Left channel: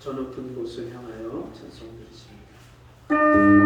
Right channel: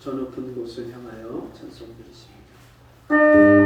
저 높은 곳을 향하여 찬송 드리십니다.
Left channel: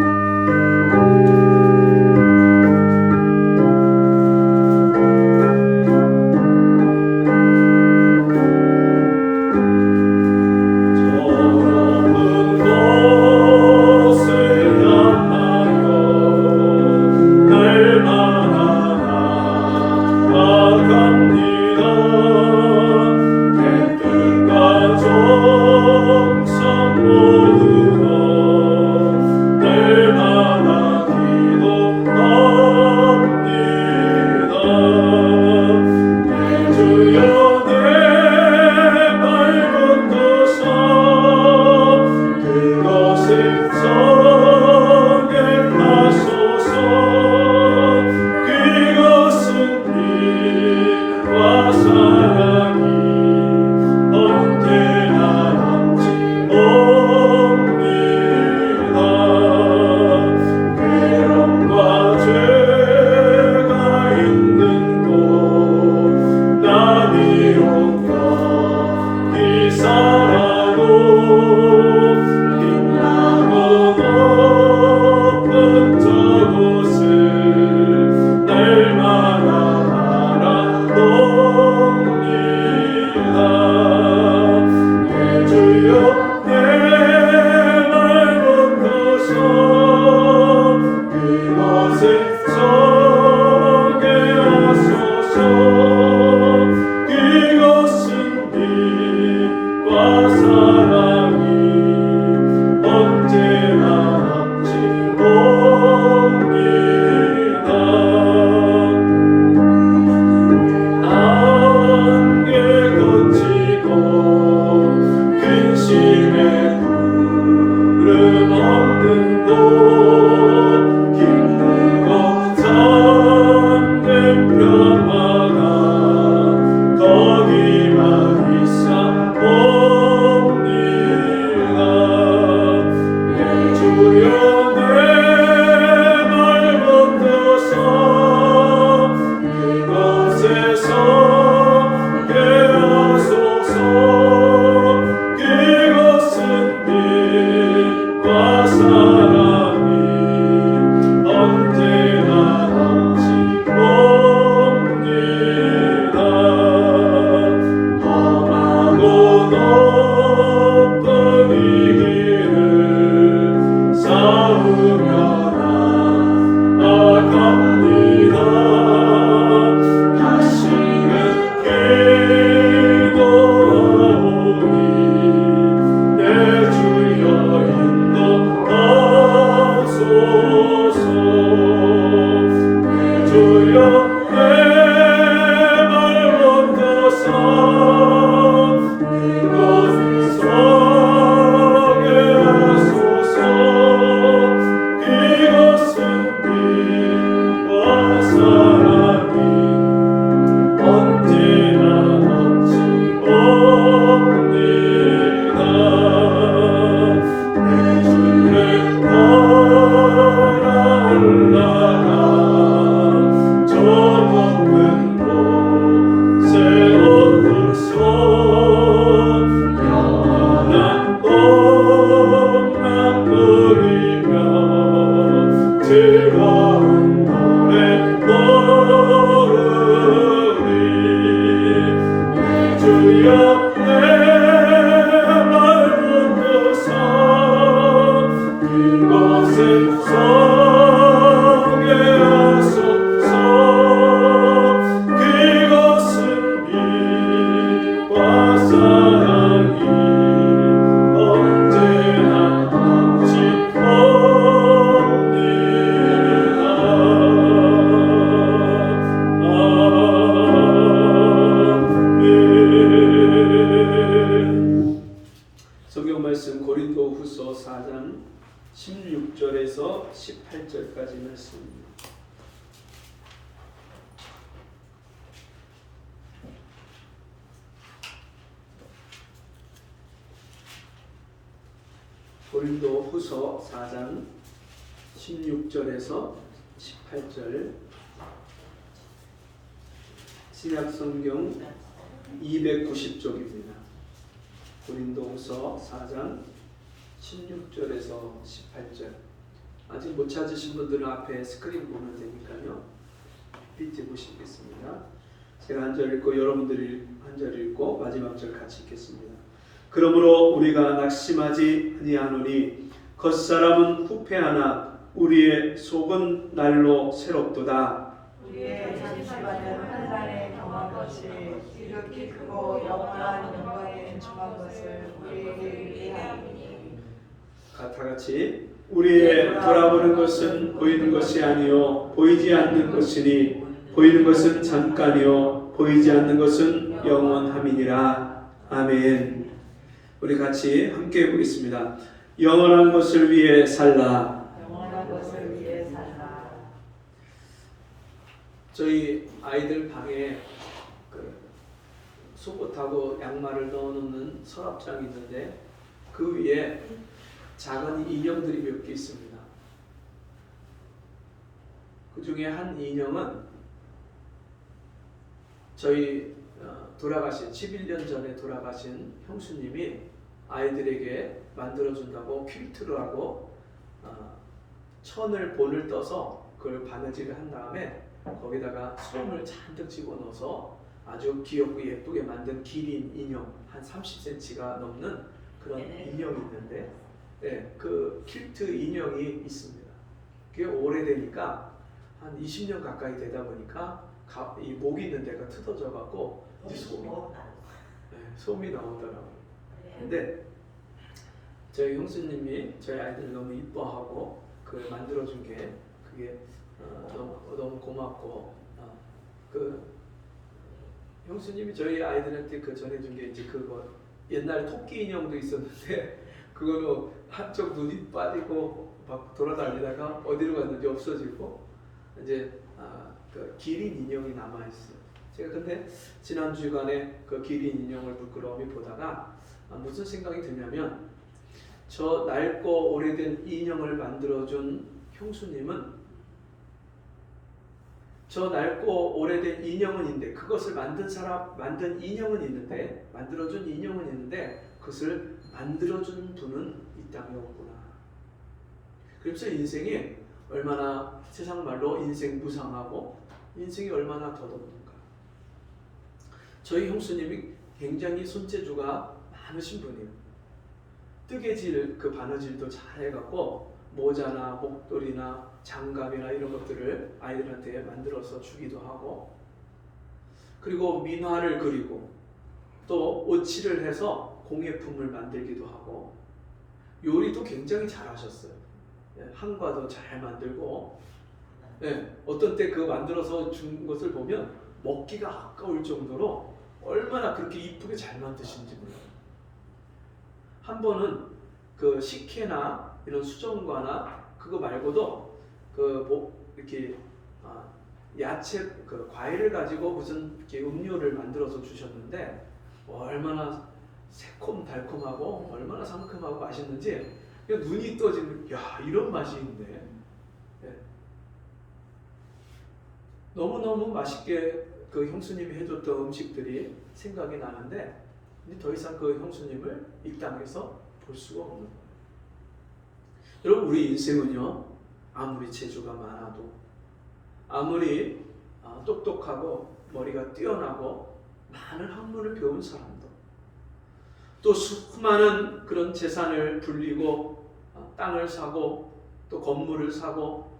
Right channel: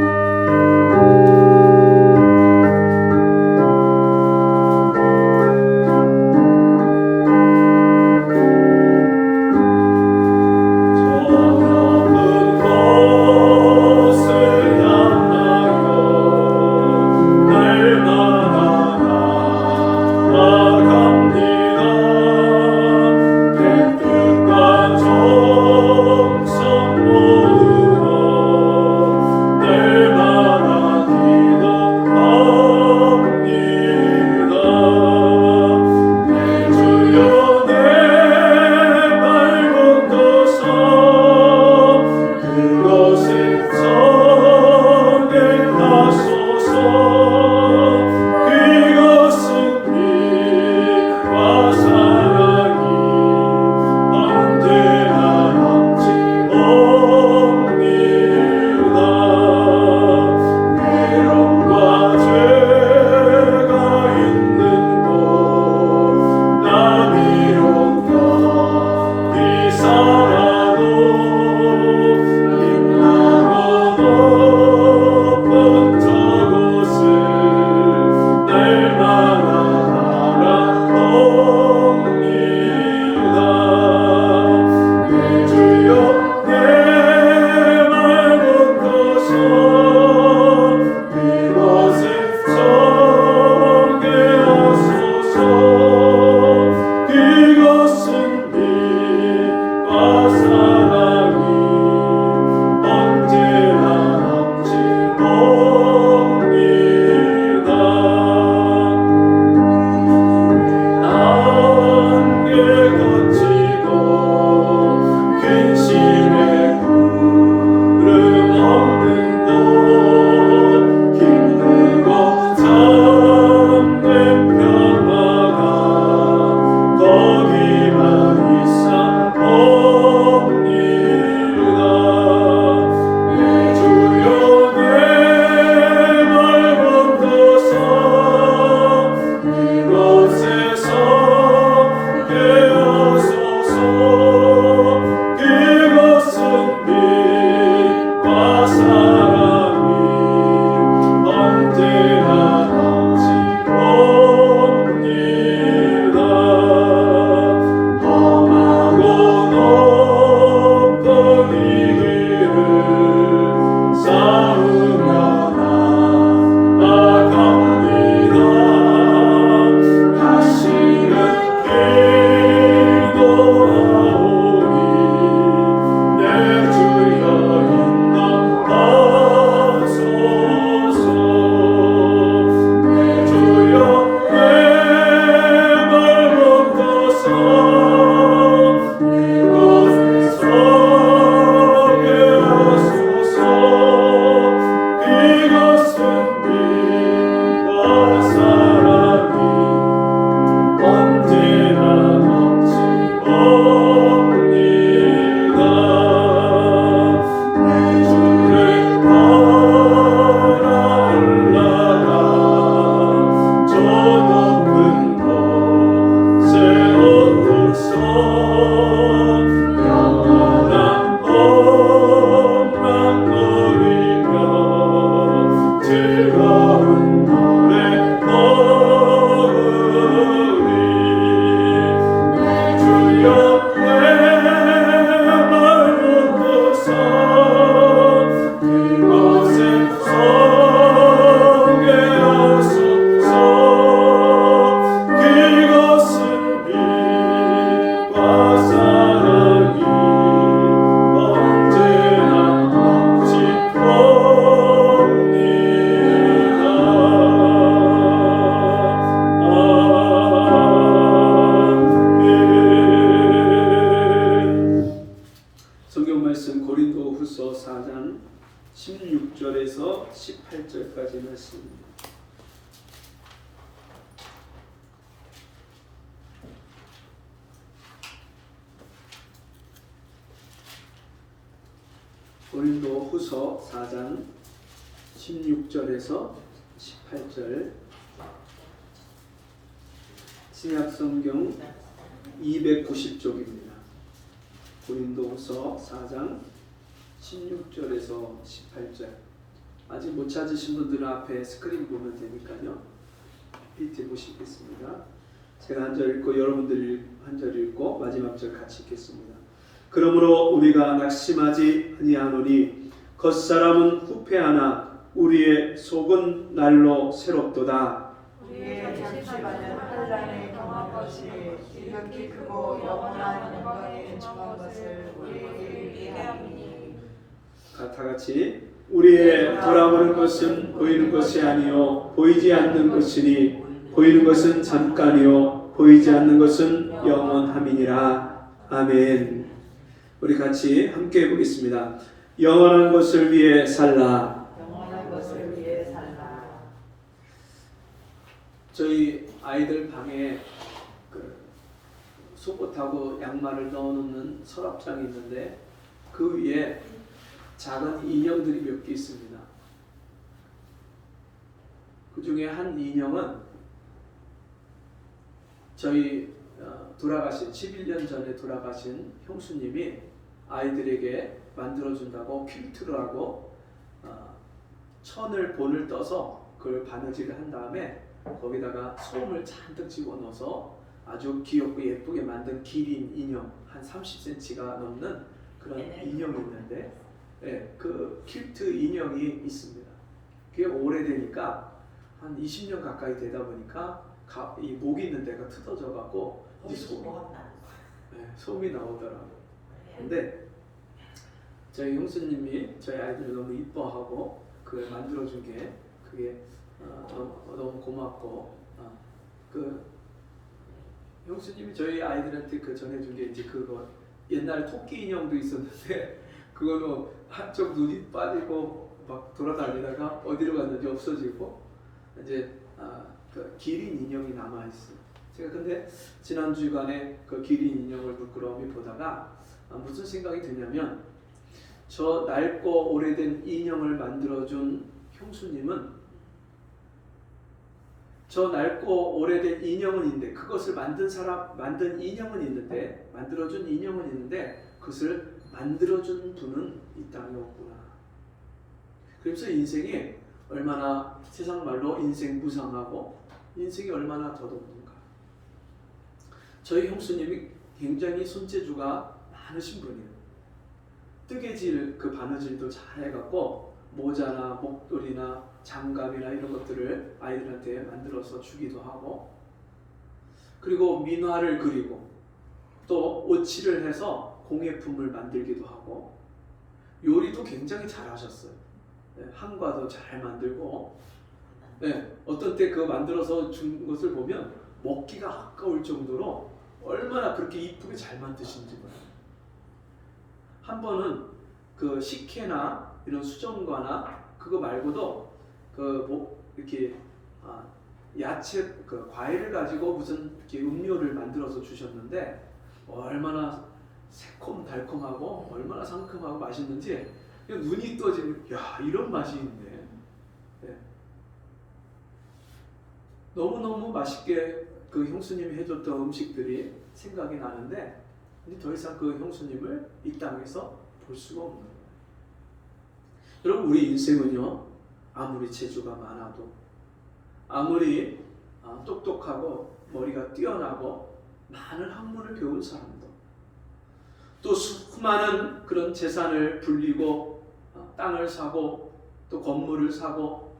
고린도후서 4장 16절에서 18절까지 말씀입니다. 고린도후서 4장 16절에서 18절 신약성경 290쪽입니다. 고린도후서 4장 16절에서 18절. 아직 못 찾으신 분들은 앞에 스크린 보면 되니까요. PPT 보시겠습니다. 제가 한 절 읽고 여러분들이 한 절 읽고 마지막 절 같이 읽겠습니다. 그러므로 우리가 낙심하지 아니하노니 겉사람은 후패하나 우리의 속은 날로 새롭도다. 우리의 잠시받은 환난에 경한 것이 지극히 크고 영원한 영광에 중한 것을 우리에게 위하리니. 다 같이 우리의 돌아오는 것은 보이는 것이 아니요 보이지 않는 것이니 보이는 것은 잠깐이요 보이지 않는 것은 영원함이니라. 아멘. 우리 같이 함께 보겠습니다. 영원한 것을 위해 살라. 영원한 것을 위해 살라. 저희 아이들 방에 그 속옷하고 양말을 넣어놓는 서랍장이 있는데 그 위에 작은 인형들이 몇 개 있습니다. 그 중에 한 인형은 저희 돌아가신 11년 전에 돌아가신 형수님이 아이들에게 만들어준다고 퀼트를 하고 천을 본을 떠서 그걸 바느질을 한 다음에 거기다가 솜을 잔뜩 집어넣어서 아주 귀엽고 예쁘게 만든 기린 인형 한 30cm가 넘는 그런 인형이 있는데 그 퀼트 인형이 있습니다. 그게 오래되니까 한 20년 가까이 되다 보니까 이 목 있는 데가 뜯어져 갖고 이제 솜이 나오더라고요. 근데 저희 형수님이 저희 아이들 너무 이뻐하고 그 만들어준 게 그게 너무 고맙고 그 형수님이 저희 아이들한테 그 전해준 게 이제 그거 옛날 토끼 인형도 있었는데 그거는 한쪽 눈이 빠지고 막 돌아다니다가 어디로 갔는지 없어지고 이제 그 기린 인형이 남아 있어요. 제가 근데 지난 주간에 그 기린 인형을 부끄러움이 보다가 무슨 생각이 드냐면 저 낡고 오래된 인형을 만들어준 형수님은 저 낡고 오래된 인형은 있는데 그것을 만든 인형은 있는데 만들어준 인형은 있는데 그것을 만들어준 분은 이 땅에 없구나. 그래서 인생이 얼마나 세상 말로 인생 무상하고 인생이 얼마나 덧없는가. 저희 형수님이 굉장히 손재주가 많으신 분이에요. 뜨개질 그 바느질도 잘 해갖고 모자나 목도리나 장갑이나 이런 것들을 아이들한테 만들어서 주기도 하고 그리고 민화를 그리고 또 오칠을 해서 공예품을 만들기도 하고 요리도 굉장히 잘하셨어요. 한과도 잘 만들고 어떤 때 그거 만들어서 준 것을 보면 먹기가 아까울 정도로 얼마나 그렇게 이쁘게 잘 만드신지 몰라요. 한 번은 그 식혜나 이런 수정과나 그거 말고도 이렇게 야채 그 과일을 가지고 무슨 이렇게 음료를 만들어서 주셨는데 얼마나 새콤달콤하고 얼마나 상큼하고 맛있는지 그냥 눈이 떠지는 야 이런 맛이 있네. 너무너무 맛있게 그 형수님이 해줬던 음식들이 생각이 나는데 근데 더 이상 그 형수님을 이 땅에서 볼 수가 없는 거예요. 여러분 우리 인생은요 아무리 재주가 많아도 아무리 똑똑하고 머리가 뛰어나고 많은 학문을 배운 사람도 또 수많은 그런 재산을 불리고 땅을 사고 또 건물을 사고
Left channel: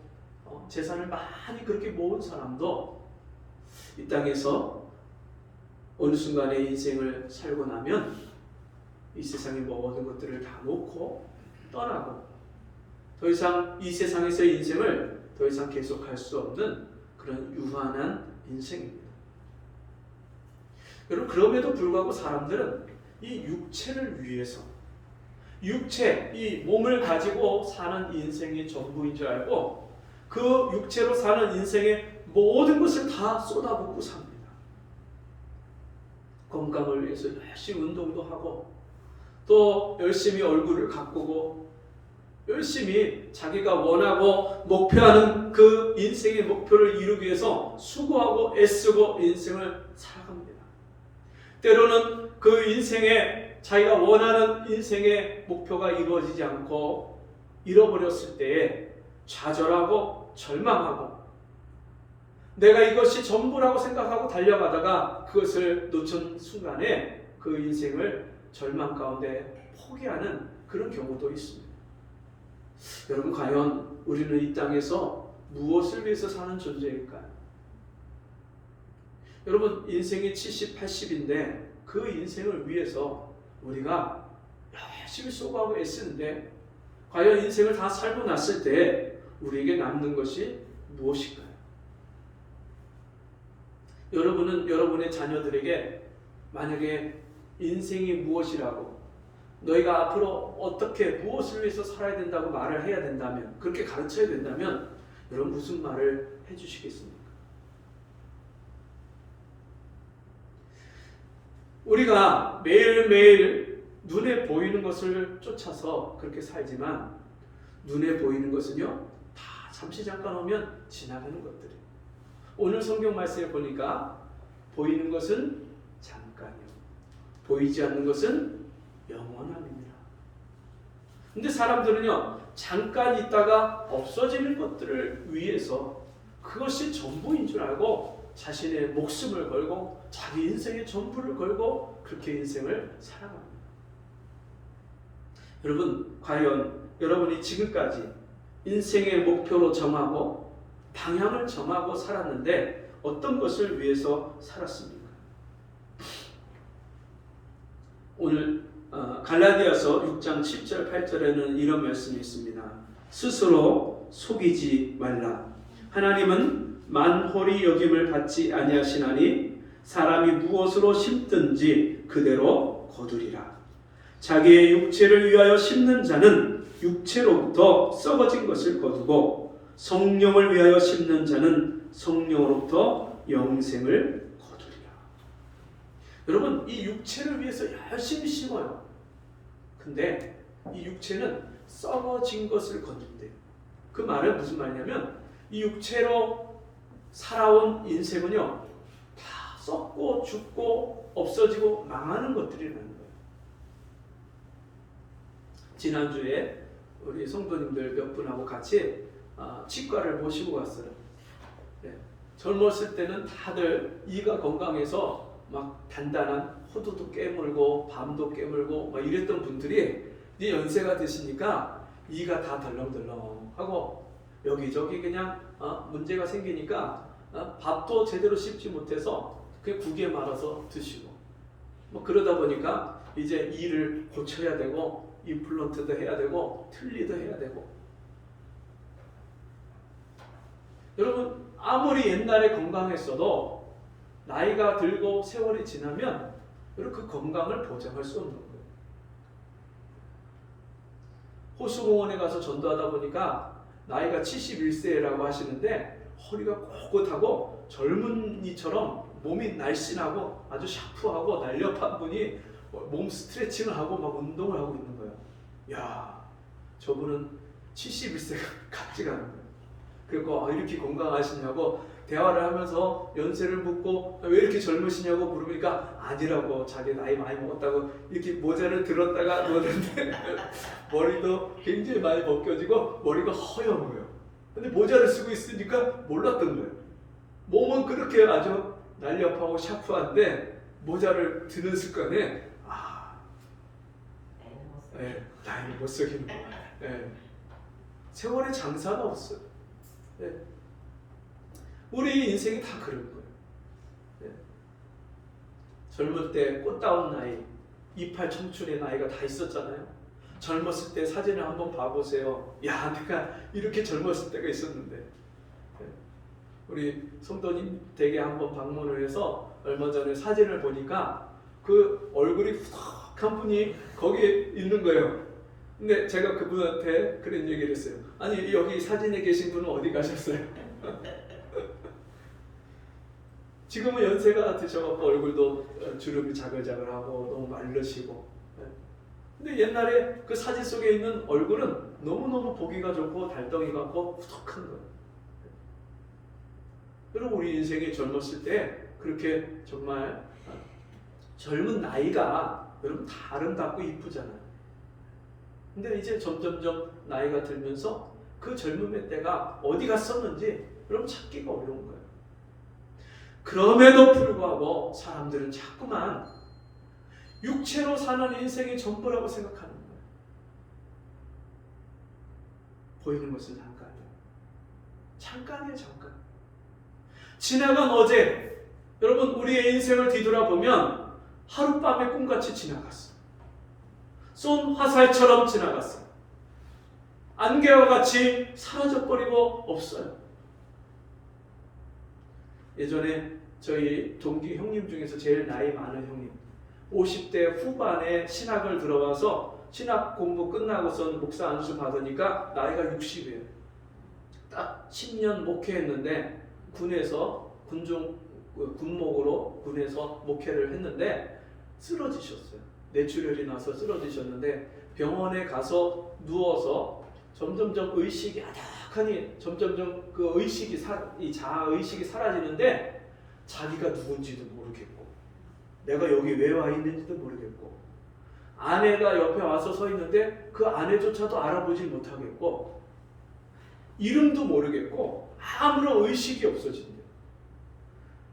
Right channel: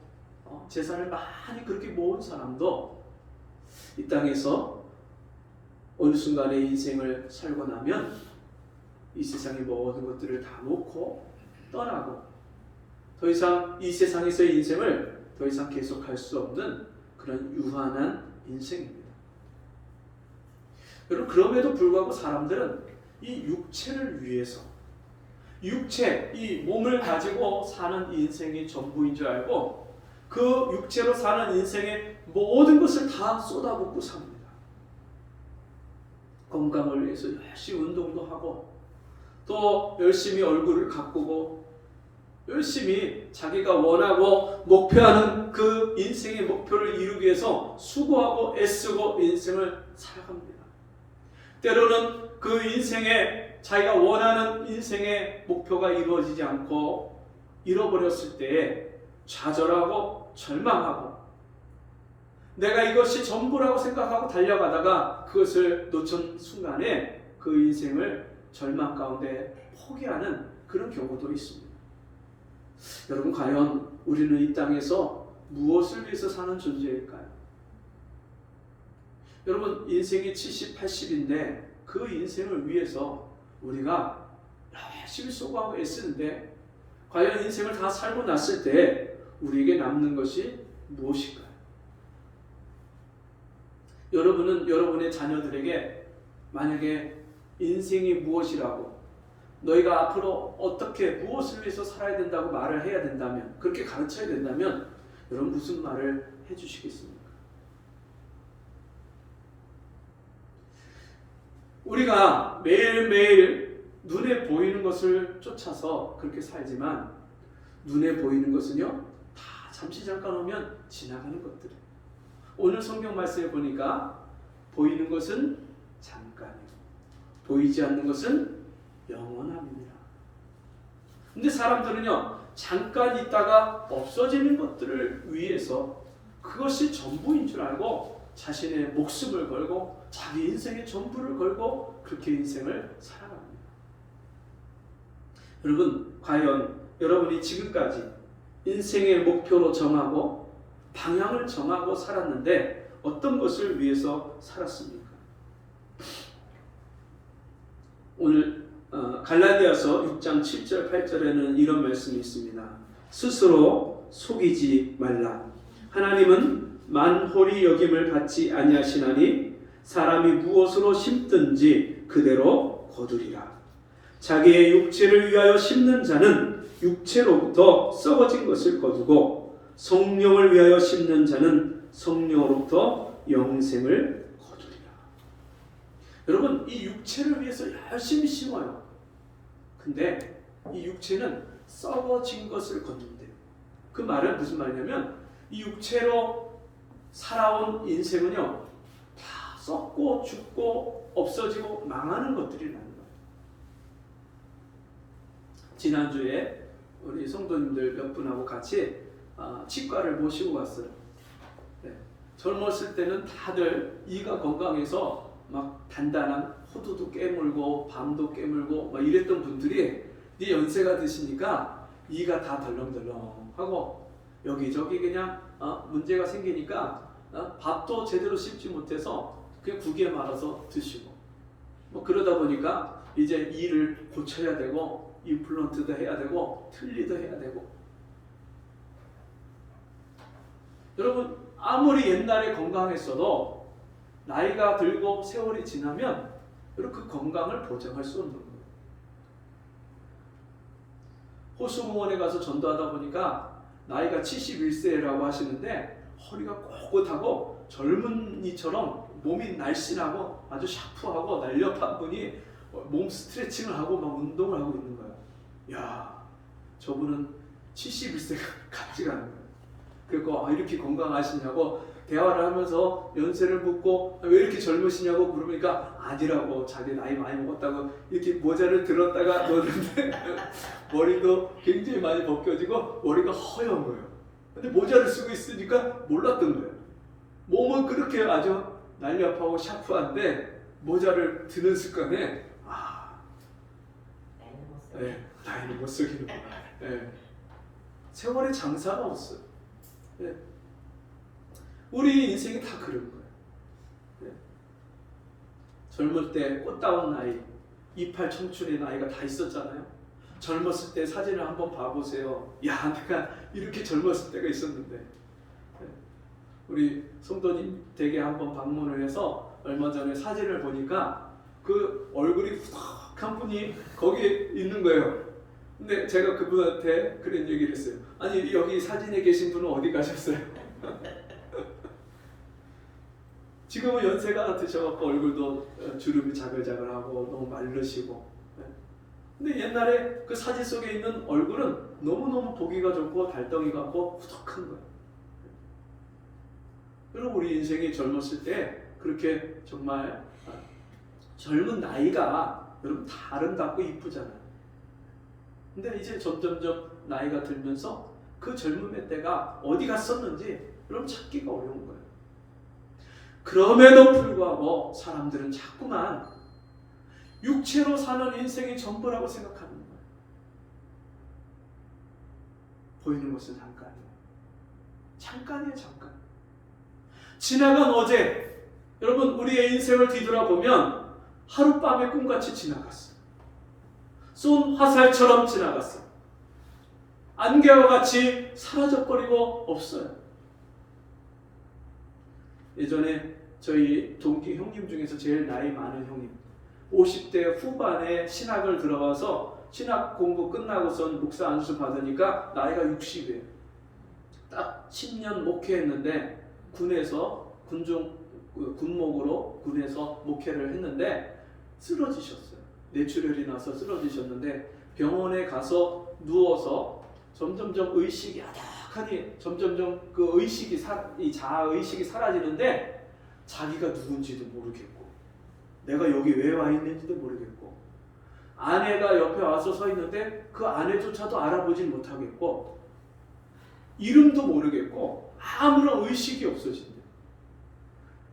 재산을 많이 그렇게 모은 사람도 이 땅에서 어느 순간에 인생을 살고 나면 이 세상의 모든 것들을 다 놓고 떠나고 더 이상 이 세상에서의 인생을 더 이상 계속할 수 없는 그런 유한한 인생입니다. 여러분 그럼에도 불구하고 사람들은 이 육체를 위해서 육체, 이 몸을 가지고 사는 인생이 전부인 줄 알고 그 육체로 사는 인생의 모든 것을 다 쏟아붓고 삽니다. 건강을 위해서 열심히 운동도 하고 또 열심히 얼굴을 가꾸고 열심히 자기가 원하고 목표하는 그 인생의 목표를 이루기 위해서 수고하고 애쓰고 인생을 살아갑니다. 때로는 그 인생의 자기가 원하는 인생의 목표가 이루어지지 않고 잃어버렸을 때에 좌절하고 절망하고 내가 이것이 전부라고 생각하고 달려가다가 그것을 놓친 순간에 그 인생을 절망 가운데 포기하는 그런 경우도 있습니다. 여러분, 과연 우리는 이 땅에서 무엇을 위해서 사는 존재일까요? 여러분, 인생이 70, 80인데 그 인생을 위해서 우리가 열심히 수고하고 애쓰는데 과연 인생을 다 살고 났을 때 우리에게 남는 것이 무엇일까요? 여러분은 여러분의 자녀들에게 만약에 인생이 무엇이라고 너희가 앞으로 어떻게 무엇을 위해서 살아야 된다고 말을 해야 된다면, 그렇게 가르쳐야 된다면 여러분 무슨 말을 해주시겠습니까? 우리가 매일매일 눈에 보이는 것을 쫓아서 그렇게 살지만 눈에 보이는 것은요 다 잠시 잠깐 오면 지나가는 것들이에요. 오늘 성경 말씀을 보니까 보이는 것은 잠깐이고 보이지 않는 것은 영원함이니라. 근데 사람들은요 잠깐 있다가 없어지는 것들을 위해서 그것이 전부인 줄 알고 자신의 목숨을 걸고 자기 인생의 전부를 걸고 그렇게 인생을 살아갑니다. 여러분, 과연 여러분이 지금까지 인생의 목표로 정하고 방향을 정하고 살았는데 어떤 것을 위해서 살았습니까? 오늘 갈라디아서 6장 7절 8절에는 이런 말씀이 있습니다. 스스로 속이지 말라. 하나님은 만홀히 여김을 받지 아니하시나니 사람이 무엇으로 심든지 그대로 거두리라. 자기의 육체를 위하여 심는 자는 육체로부터 썩어진 것을 거두고 성령을 위하여 심는 자는 성령으로부터 영생을 거두리라. 여러분, 이 육체를 위해서 열심히 심어요. 근데 이 육체는 썩어진 것을 거둔대요. 그 말은 무슨 말이냐면 이 육체로 살아온 인생은요 다 썩고 죽고 없어지고 망하는 것들이라는 거예요. 지난주에 우리 성도님들 몇 분하고 같이 치과를 모시고 갔어요. 네. 젊었을 때는 다들 이가 건강해서 막 단단한 호두도 깨물고 밤도 깨물고 막 이랬던 분들이 이제 연세가 드시니까 이가 다 덜렁덜렁하고 여기저기 그냥 문제가 생기니까 밥도 제대로 씹지 못해서 그냥 국에 말아서 드시고 뭐 그러다 보니까 이제 이를 고쳐야 되고 임플란트도 해야 되고 틀니도 해야 되고. 여러분, 아무리 옛날에 건강했어도 나이가 들고 세월이 지나면 여러분 그 건강을 보장할 수 없는 거예요. 호수공원에 가서 전도하다 보니까 나이가 71세라고 하시는데 허리가 꼿꼿하고 젊은이처럼 몸이 날씬하고 아주 샤프하고 날렵한 분이 몸 스트레칭을 하고 막 운동을 하고 있는 거예요. 야, 저분은 71세가 같지가 않은 거예요. 그리고 이렇게 건강하시냐고 대화를 하면서 연세를 묻고 왜 이렇게 젊으시냐고 물으니까 아니라고, 자기 나이 많이 먹었다고 이렇게 모자를 들었다가 보는데 머리도 굉장히 많이 벗겨지고 머리가 허연 거예요. 근데 모자를 쓰고 있으니까 몰랐던 거예요. 몸은 그렇게 아주 날렵하고 샤프한데 모자를 드는 습관에 나이를 못 쓰기는 거야. 세월의 장사가 없어요. 우리 인생이 다 그런 거예요. 젊을 때 꽃다운 나이, 28 청춘의 나이가 다 있었잖아요. 젊었을 때 사진을 한번 봐보세요. 야, 내가 이렇게 젊었을 때가 있었는데. 우리 성도님 댁에 한번 방문을 해서 얼마 전에 사진을 보니까 그 얼굴이 후덕한 분이 거기에 있는 거예요. 근데 제가 그분한테 그런 얘기를 했어요. 아니, 여기 사진에 계신 분은 어디 가셨어요? 지금은 연세가 드셔갖고 얼굴도 주름이 자글자글하고 너무 마르시고. 근데 옛날에 그 사진 속에 있는 얼굴은 너무너무 보기가 좋고 달덩이 같고 후덕한 거예요. 여러분, 우리 인생이 젊었을 때 그렇게 정말 젊은 나이가 여러분 다 아름답고 이쁘잖아요. 근데 이제 점점점 나이가 들면서 그 젊음의 때가 어디 갔었는지 여러분 찾기가 어려운 거예요. 그럼에도 불구하고 사람들은 자꾸만 육체로 사는 인생이 전부라고 생각하는 거예요. 보이는 것은 잠깐이에요. 잠깐이에요, 잠깐. 지나간 어제, 여러분 우리의 인생을 뒤돌아보면 하룻밤의 꿈같이 지나갔어. 쏜 화살처럼 지나갔어. 안개와 같이 사라져버리고 없어요. 예전에 저희 동기 형님 중에서 제일 나이 많은 형님, 50대 후반에 신학을 들어와서 신학 공부 끝나고선 목사 안수 받으니까 나이가 60이에요. 딱 10년 목회했는데 군에서 군목으로 군에서 목회를 했는데 쓰러지셨어요. 뇌출혈이 나서 쓰러지셨는데 병원에 가서 누워서 점점점 의식이 아득하니 점점점 그 의식이 이 자아 의식이 사라지는데 자기가 누군지도 모르겠고 내가 여기 왜 와 있는지도 모르겠고 아내가 옆에 와서 서 있는데 그 아내조차도 알아보질 못하겠고 이름도 모르겠고 아무런 의식이 없어진대.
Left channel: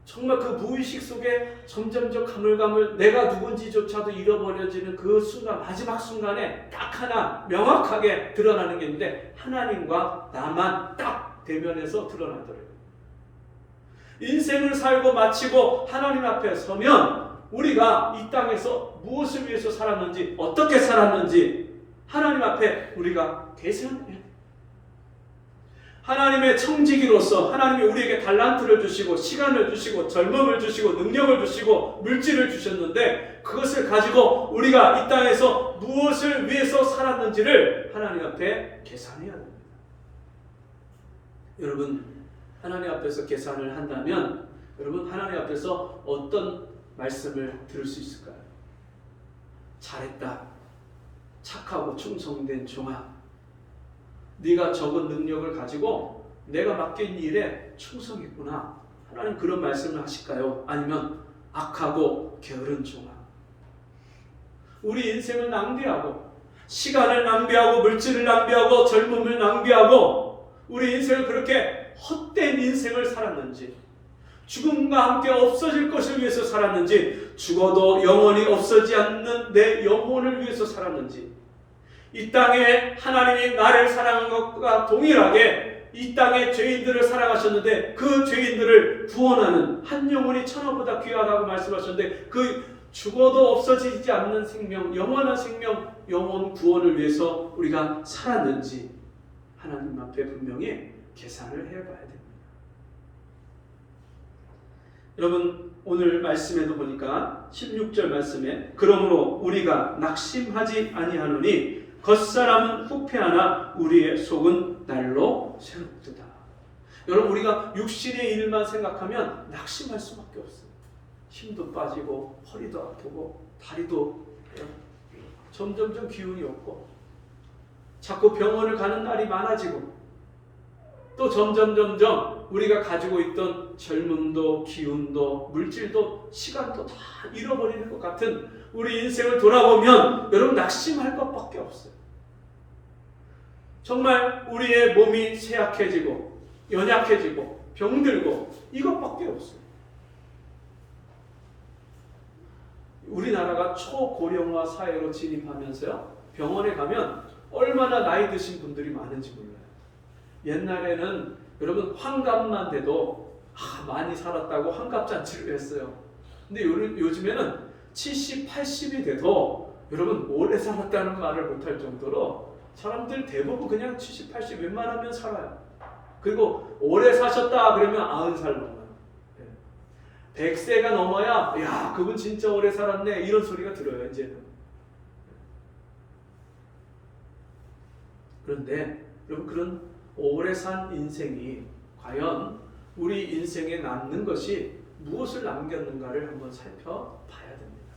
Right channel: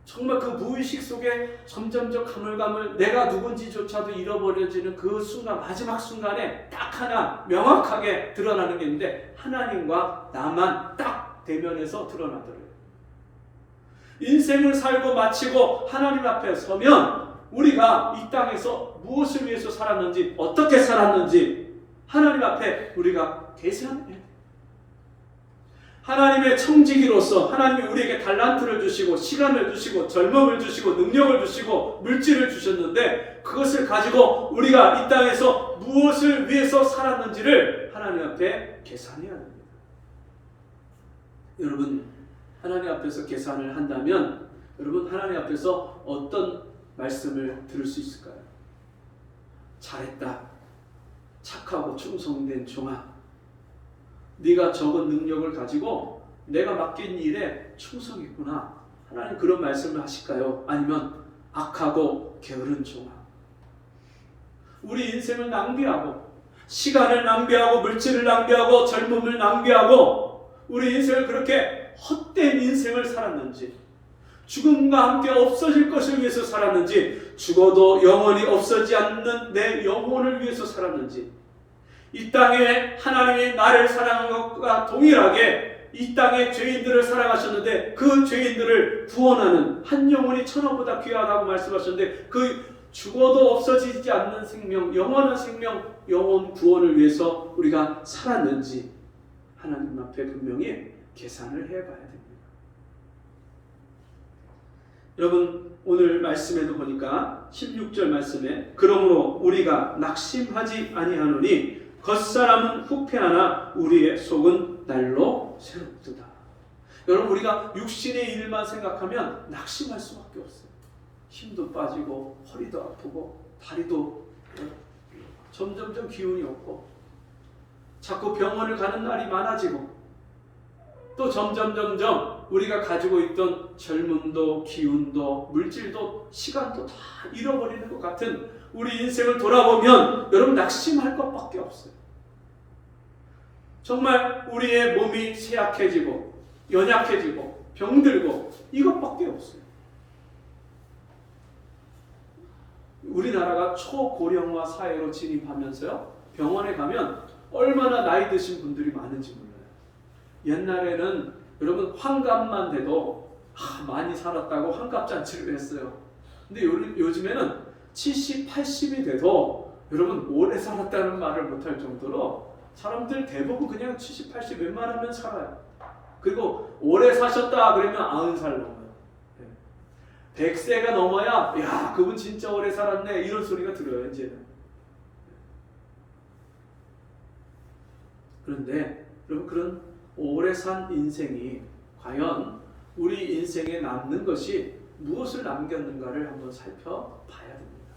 정말 그 무의식 속에 점점점 가물가물 내가 누군지조차도 잃어버려지는 그 순간, 마지막 순간에 딱 하나 명확하게 드러나는 게 있는데 하나님과 나만 딱 대면해서 드러나더래요. 인생을 살고 마치고 하나님 앞에 서면 우리가 이 땅에서 무엇을 위해서 살았는지, 어떻게 살았는지 하나님 앞에 우리가 계산해야 돼요. 하나님의 청지기로서 하나님이 우리에게 달란트를 주시고 시간을 주시고 젊음을 주시고 능력을 주시고 물질을 주셨는데 그것을 가지고 우리가 이 땅에서 무엇을 위해서 살았는지를 하나님 앞에 계산해야 됩니다. 여러분 하나님 앞에서 계산을 한다면 여러분 하나님 앞에서 어떤 말씀을 들을 수 있을까요? 잘했다. 착하고 충성된 종아. 네가 적은 능력을 가지고 내가 맡긴 일에 충성했구나. 하나님 그런 말씀을 하실까요? 아니면 악하고 게으른 종아. 우리 인생을 낭비하고 시간을 낭비하고 물질을 낭비하고 젊음을 낭비하고 우리 인생을 그렇게 헛된 인생을 살았는지 죽음과 함께 없어질 것을 위해서 살았는지 죽어도 영원히 없어지지 않는 내 영혼을 위해서 살았는지 이 땅에 하나님이 나를 사랑한 것과 동일하게 이 땅의 죄인들을 사랑하셨는데 그 죄인들을 구원하는 한 영혼이 천하보다 귀하다고 말씀하셨는데 그 죽어도 없어지지 않는 생명, 영원한 생명, 영혼 구원을 위해서 우리가 살았는지 하나님 앞에 분명히 계산을 해봐야 됩니다. 여러분 오늘 말씀에도 보니까 16절 말씀에 그러므로 우리가 낙심하지 아니하노니 겉사람은 후패하나 우리의 속은 날로 새롭도다. 여러분 우리가 육신의 일만 생각하면 낙심할 수밖에 없어요. 힘도 빠지고 허리도 아프고 다리도 점점점 기운이 없고 자꾸 병원을 가는 날이 많아지고 또 점점 우리가 가지고 있던 젊음도 기운도 물질도 시간도 다 잃어버리는 것 같은 우리 인생을 돌아보면 여러분 낙심할 것밖에 없어요. 정말 우리의 몸이 쇠약해지고 연약해지고 병들고 이것밖에 없어요. 우리나라가 초고령화 사회로 진입하면서요 병원에 가면 얼마나 나이 드신 분들이 많은지 몰라요. 옛날에는 여러분 환갑만 돼도 많이 살았다고 환갑잔치를 했어요. 근데 요즘에는 70, 80이 돼도 여러분 오래 살았다는 말을 못할 정도로 사람들 대부분 그냥 70, 80 웬만하면 살아요. 그리고 오래 사셨다 그러면 90살 넘어요. 100세가 넘어야 야 그분 진짜 오래 살았네 이런 소리가 들어요 이제는. 그런데 여러분 그런 오래 산 인생이 과연 우리 인생에 남는 것이 무엇을 남겼는가를 한번 살펴봐야 됩니다.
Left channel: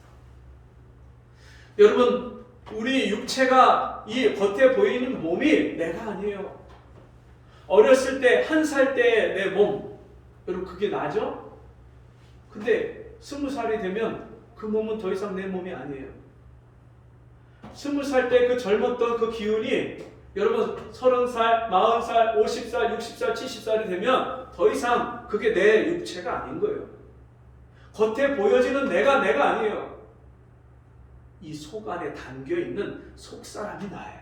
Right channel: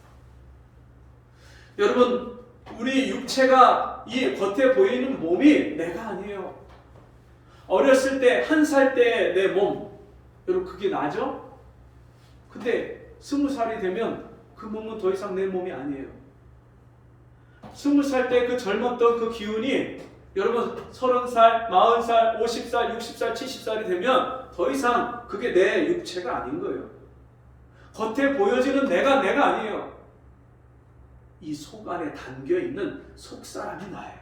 여러분 우리 육체가 이 겉에 보이는 몸이 내가 아니에요. 어렸을 때 1살 때 내 몸 여러분 그게 나죠? 근데 20살이 되면 그 몸은 더 이상 내 몸이 아니에요. 20살 때 그 젊었던 그 기운이 여러분 30살, 40살, 50살, 60살, 70살이 되면 더 이상 그게 내 육체가 아닌 거예요. 겉에 보여지는 내가 아니에요. 이 속 안에 담겨있는 속사람이 나예요.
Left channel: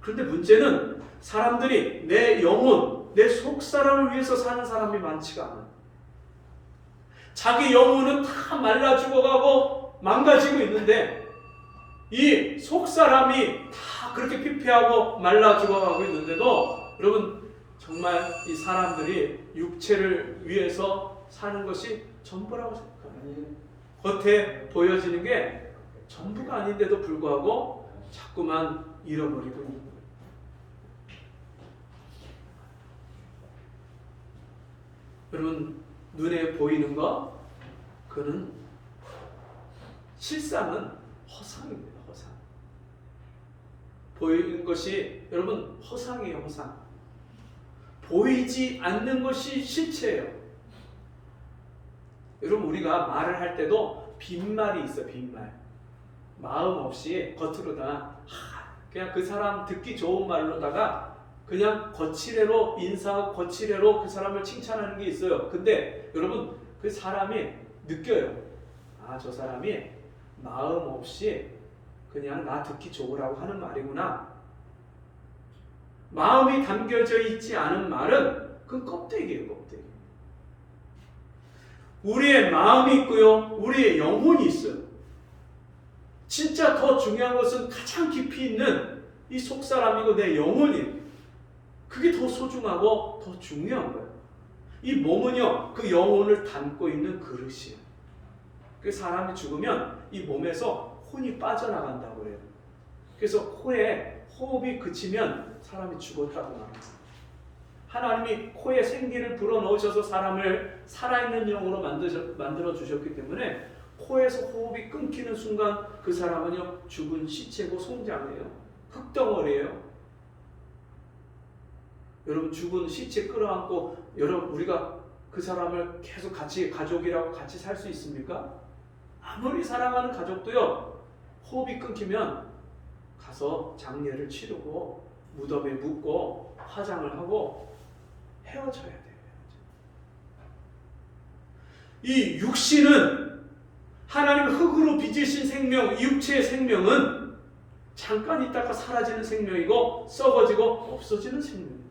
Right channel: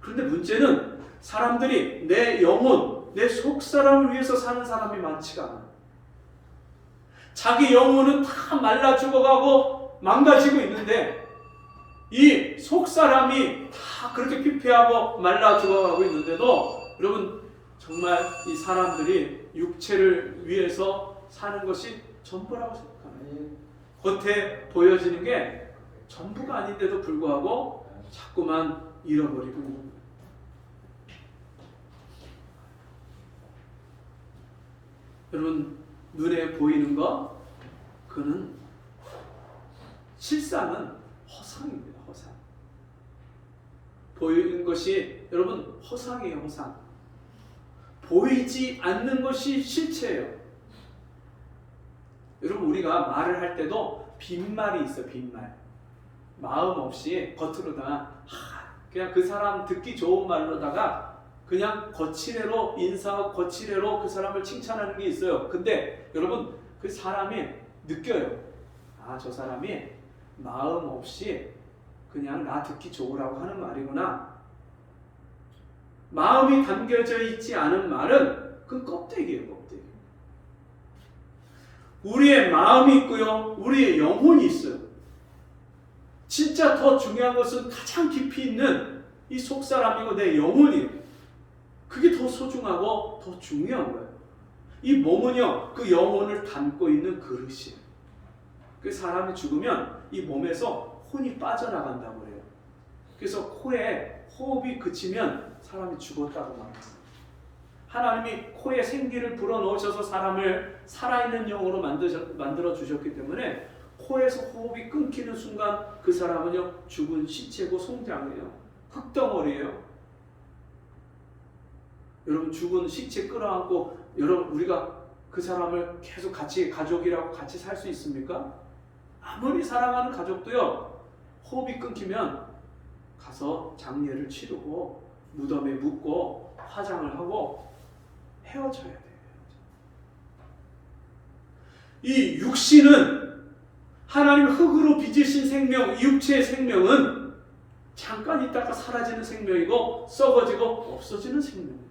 그런데 문제는 사람들이 내 영혼, 내 속사람을 위해서 사는 사람이 많지가 않아요. 자기 영혼은 다 말라 죽어가고 망가지고 있는데 이 속사람이 다 그렇게 피폐하고 말라 죽어가고 있는데도 여러분 정말 이 사람들이 육체를 위해서 사는 것이 전부라고 생각합니다. 겉에 보여지는 게 전부가 아닌데도 불구하고 자꾸만 잃어버리고 있는 거예요. 여러분 눈에 보이는 것 그는 실상은 허상입니다. 허상. 보이는 것이 여러분 허상이에요. 허상. 보이지 않는 것이 실체예요. 여러분 우리가 말을 할 때도 빈말이 있어요. 빈말. 마음 없이 겉으로다 그냥 그 사람 듣기 좋은 말로다가 그냥 거칠애로 인사하고 거칠애로 그 사람을 칭찬하는 게 있어요. 근데 여러분 그 사람이 느껴요. 아, 저 사람이 마음 없이 그냥 나 듣기 좋으라고 하는 말이구나. 마음이 담겨져 있지 않은 말은 그건 껍데기예요. 껍데기. 우리의 마음이 있고요. 우리의 영혼이 있어요. 진짜 더 중요한 것은 가장 깊이 있는 이 속사람이고 내 영혼이에요. 그게 더 소중하고 더 중요한 거예요. 이 몸은요, 그 영혼을 담고 있는 그릇이에요. 그 사람이 죽으면 이 몸에서 혼이 빠져나간다고 그래요. 그래서 코에 호흡이 그치면 사람이 죽었다고 말합니다. 하나님이 코에 생기를 불어넣으셔서 사람을 살아있는 영으로 만들어 주셨기 때문에 코에서 호흡이 끊기는 순간 그 사람은요 죽은 시체고 송장이에요. 흙덩어리예요. 여러분 죽은 시체 끌어안고 여러분 우리가 그 사람을 계속 같이 가족이라고 같이 살 수 있습니까? 아무리 사랑하는 가족도요 호흡이 끊기면 가서 장례를 치르고 무덤에 묻고 화장을 하고 헤어져야 돼요. 이 육신은 하나님 흙으로 빚으신 생명, 이 육체의 생명은 잠깐 있다가 사라지는 생명이고 썩어지고 없어지는 생명입니다.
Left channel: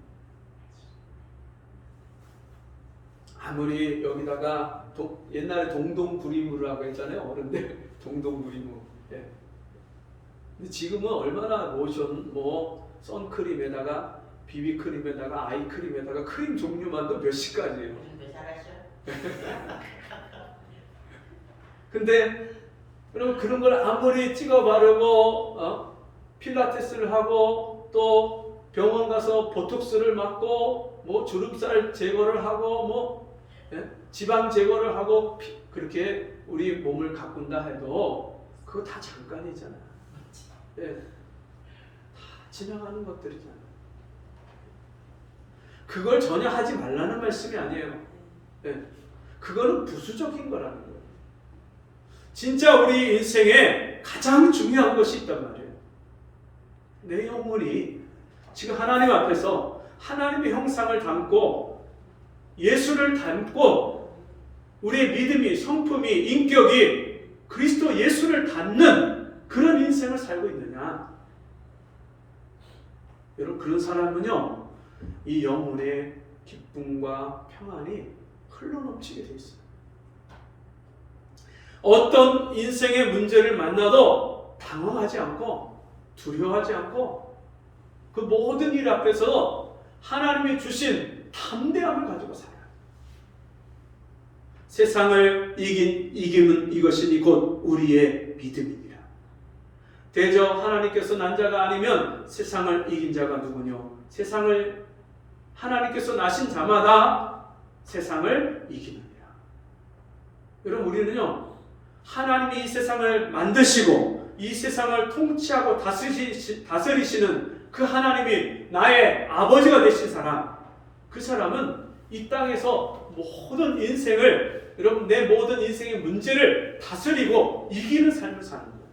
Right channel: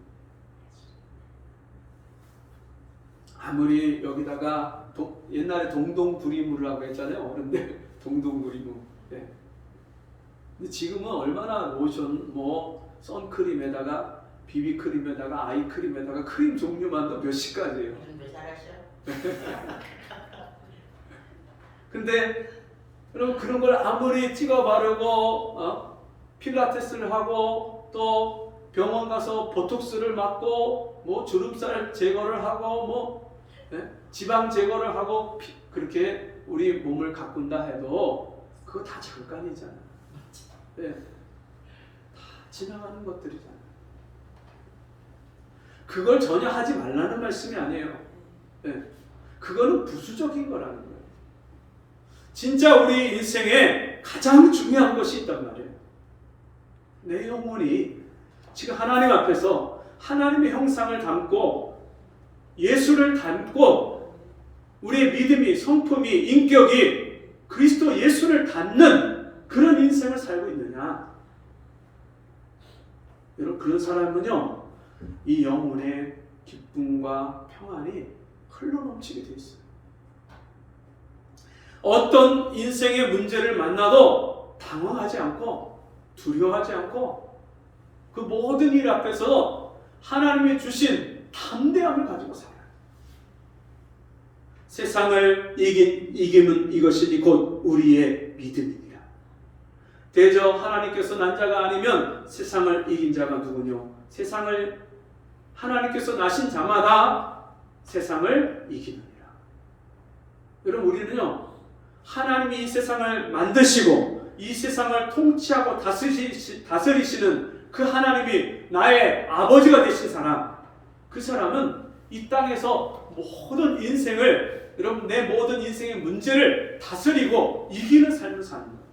아무리 여기다가 옛날에 동동구리무라고 했잖아요. 어른들 동동구리무. 예. 근데 지금은 얼마나 로션, 뭐 선크림에다가 비비크림에다가 아이크림에다가 크림 종류만도 몇십 가지예요. 근데 여러분 그런 걸 아무리 찍어 바르고 필라테스를 하고 또 병원 가서 보톡스를 맞고 뭐 주름살 제거를 하고 뭐 지방 제거를 하고 그렇게 우리 몸을 가꾼다 해도 그거 다 잠깐이잖아요. 네. 다 지나가는 것들이잖아요. 그걸 전혀 하지 말라는 말씀이 아니에요. 네. 그거는 부수적인 거라는 거예요. 진짜 우리 인생에 가장 중요한 것이 있단 말이에요. 내 영혼이 지금 하나님 앞에서 하나님의 형상을 담고 예수를 담고 우리의 믿음이, 성품이, 인격이 그리스도 예수를 닮는 그런 인생을 살고 있느냐. 여러분 그런 사람은요 이 영혼의 기쁨과 평안이 흘러넘치게 돼 있어요. 어떤 인생의 문제를 만나도 당황하지 않고 두려워하지 않고 그 모든 일 앞에서 하나님이 주신 담대함을 가지고 살아요. 세상을 이김은 이것이니 곧 우리의 믿음이니라. 대저 하나님께서 난 자가 아니면 세상을 이긴 자가 누구뇨? 세상을 하나님께서 나신 자마다 세상을 이기느니라. 여러분 우리는요 하나님이 이 세상을 만드시고 이 세상을 통치하고 다스리시는 그 하나님이 나의 아버지가 되신 사람, 그 사람은 이 땅에서 모든 인생을 여러분 내 모든 인생의 문제를 다스리고 이기는 삶을 사는 거예요.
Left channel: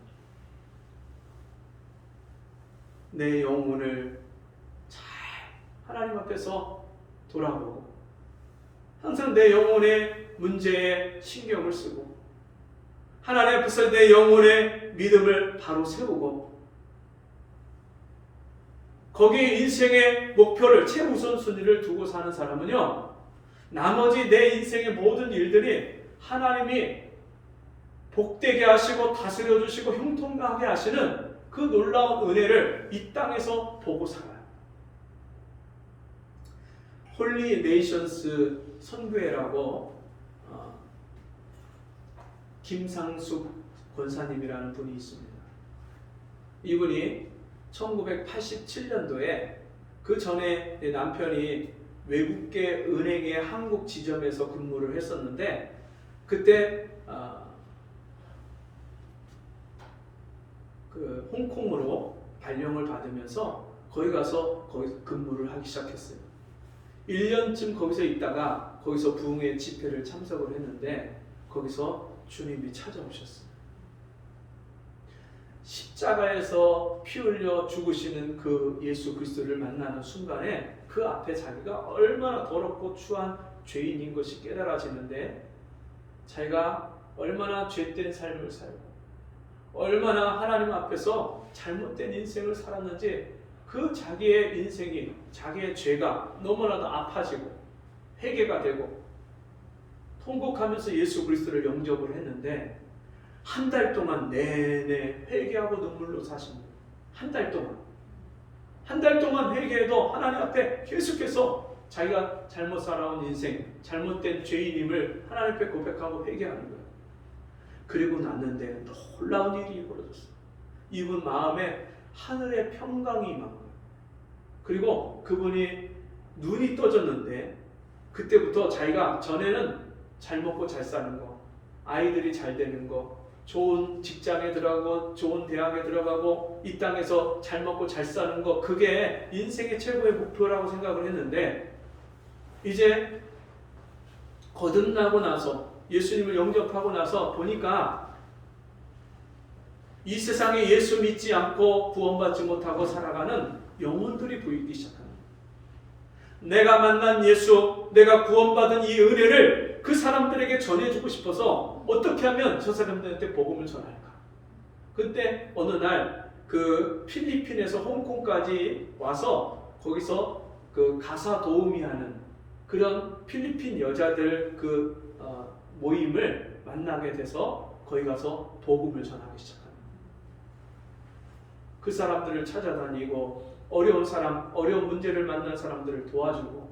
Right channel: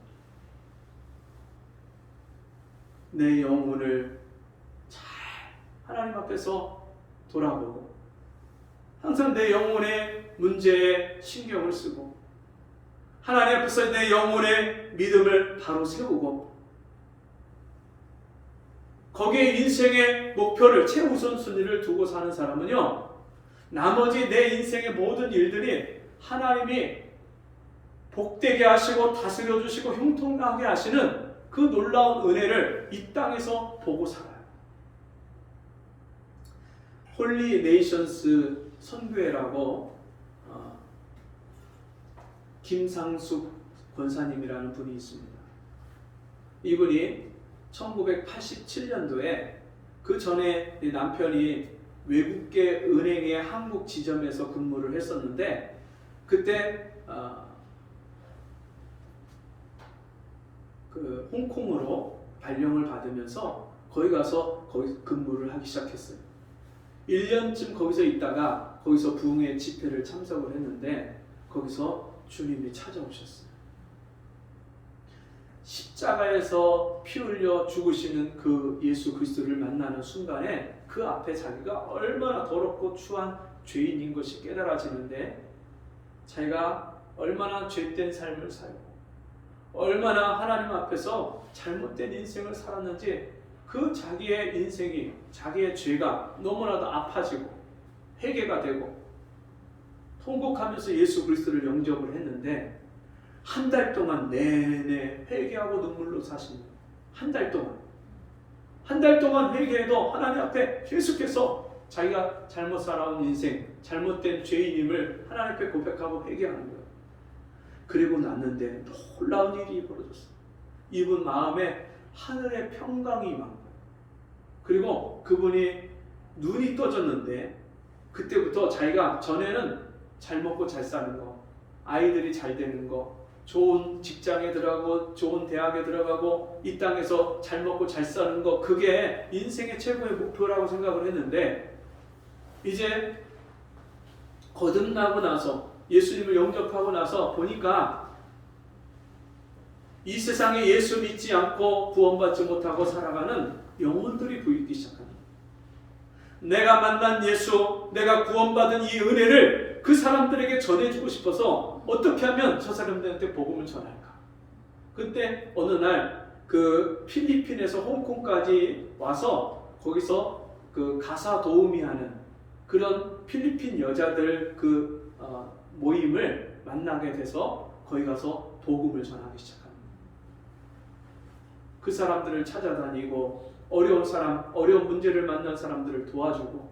내 영혼을 잘 하나님 앞에서 돌아보고 항상 내 영혼의 문제에 신경을 쓰고 하나님 앞에서 내 영혼의 믿음을 바로 세우고 거기에 인생의 목표를 최우선순위를 두고 사는 사람은요, 나머지 내 인생의 모든 일들이 하나님이 복되게 하시고 다스려 주시고 형통하게 하시는 그 놀라운 은혜를 이 땅에서 보고 살아요. 홀리 네이션스 선교회라고 김상숙 권사님이라는 분이 있습니다. 이분이 1987년도에 그 전에 남편이 외국계 은행의 한국 지점에서 근무를 했었는데 그때 그 홍콩으로 발령을 받으면서 거기 가서 거기서 근무를 하기 시작했어요. 1년쯤 거기서 있다가 거기서 부흥회 집회를 참석을 했는데 거기서 주님이 찾아오셨어요. 십자가에서 피 흘려 죽으시는 그 예수 그리스도를 만나는 순간에 그 앞에 자기가 얼마나 더럽고 추한 죄인인 것이 깨달아지는데 자기가 얼마나 죄된 삶을 살고 얼마나 하나님 앞에서 잘못된 인생을 살았는지 그 자기의 인생이 자기의 죄가 너무나도 아파지고 회개가 되고 통곡하면서 예수 그리스도를 영접을 했는데 한 달 동안 내내 회개하고 눈물로 사십니다. 한 달 동안 회개해도 하나님 앞에 계속해서 자기가 잘못 살아온 인생, 잘못된 죄인임을 하나님 앞에 고백하고 회개하는 거예요. 그리고 났는데 놀라운 일이 벌어졌어요. 이분 마음에 하늘의 평강이 임한 거예요. 그리고 그분이 눈이 떠졌는데 그때부터 자기가 전에는 잘 먹고 잘 사는 거, 아이들이 잘 되는 거, 좋은 직장에 들어가고 좋은 대학에 들어가고 이 땅에서 잘 먹고 잘 사는 거, 그게 인생의 최고의 목표라고 생각을 했는데 이제 거듭나고 나서 예수님을 영접하고 나서 보니까 이 세상에 예수 믿지 않고 구원받지 못하고 살아가는 영혼들이 보이기 시작합니다. 내가 만난 예수, 내가 구원받은 이 은혜를 그 사람들에게 전해주고 싶어서 어떻게 하면 저 사람들한테 복음을 전할까? 그때 어느 날 그 필리핀에서 홍콩까지 와서 거기서 그 가사 도우미 하는 그런 필리핀 여자들 그 모임을 만나게 돼서 거기 가서 복음을 전하기 시작합니다. 그 사람들을 찾아다니고 어려운 사람, 어려운 문제를 만난 사람들을 도와주고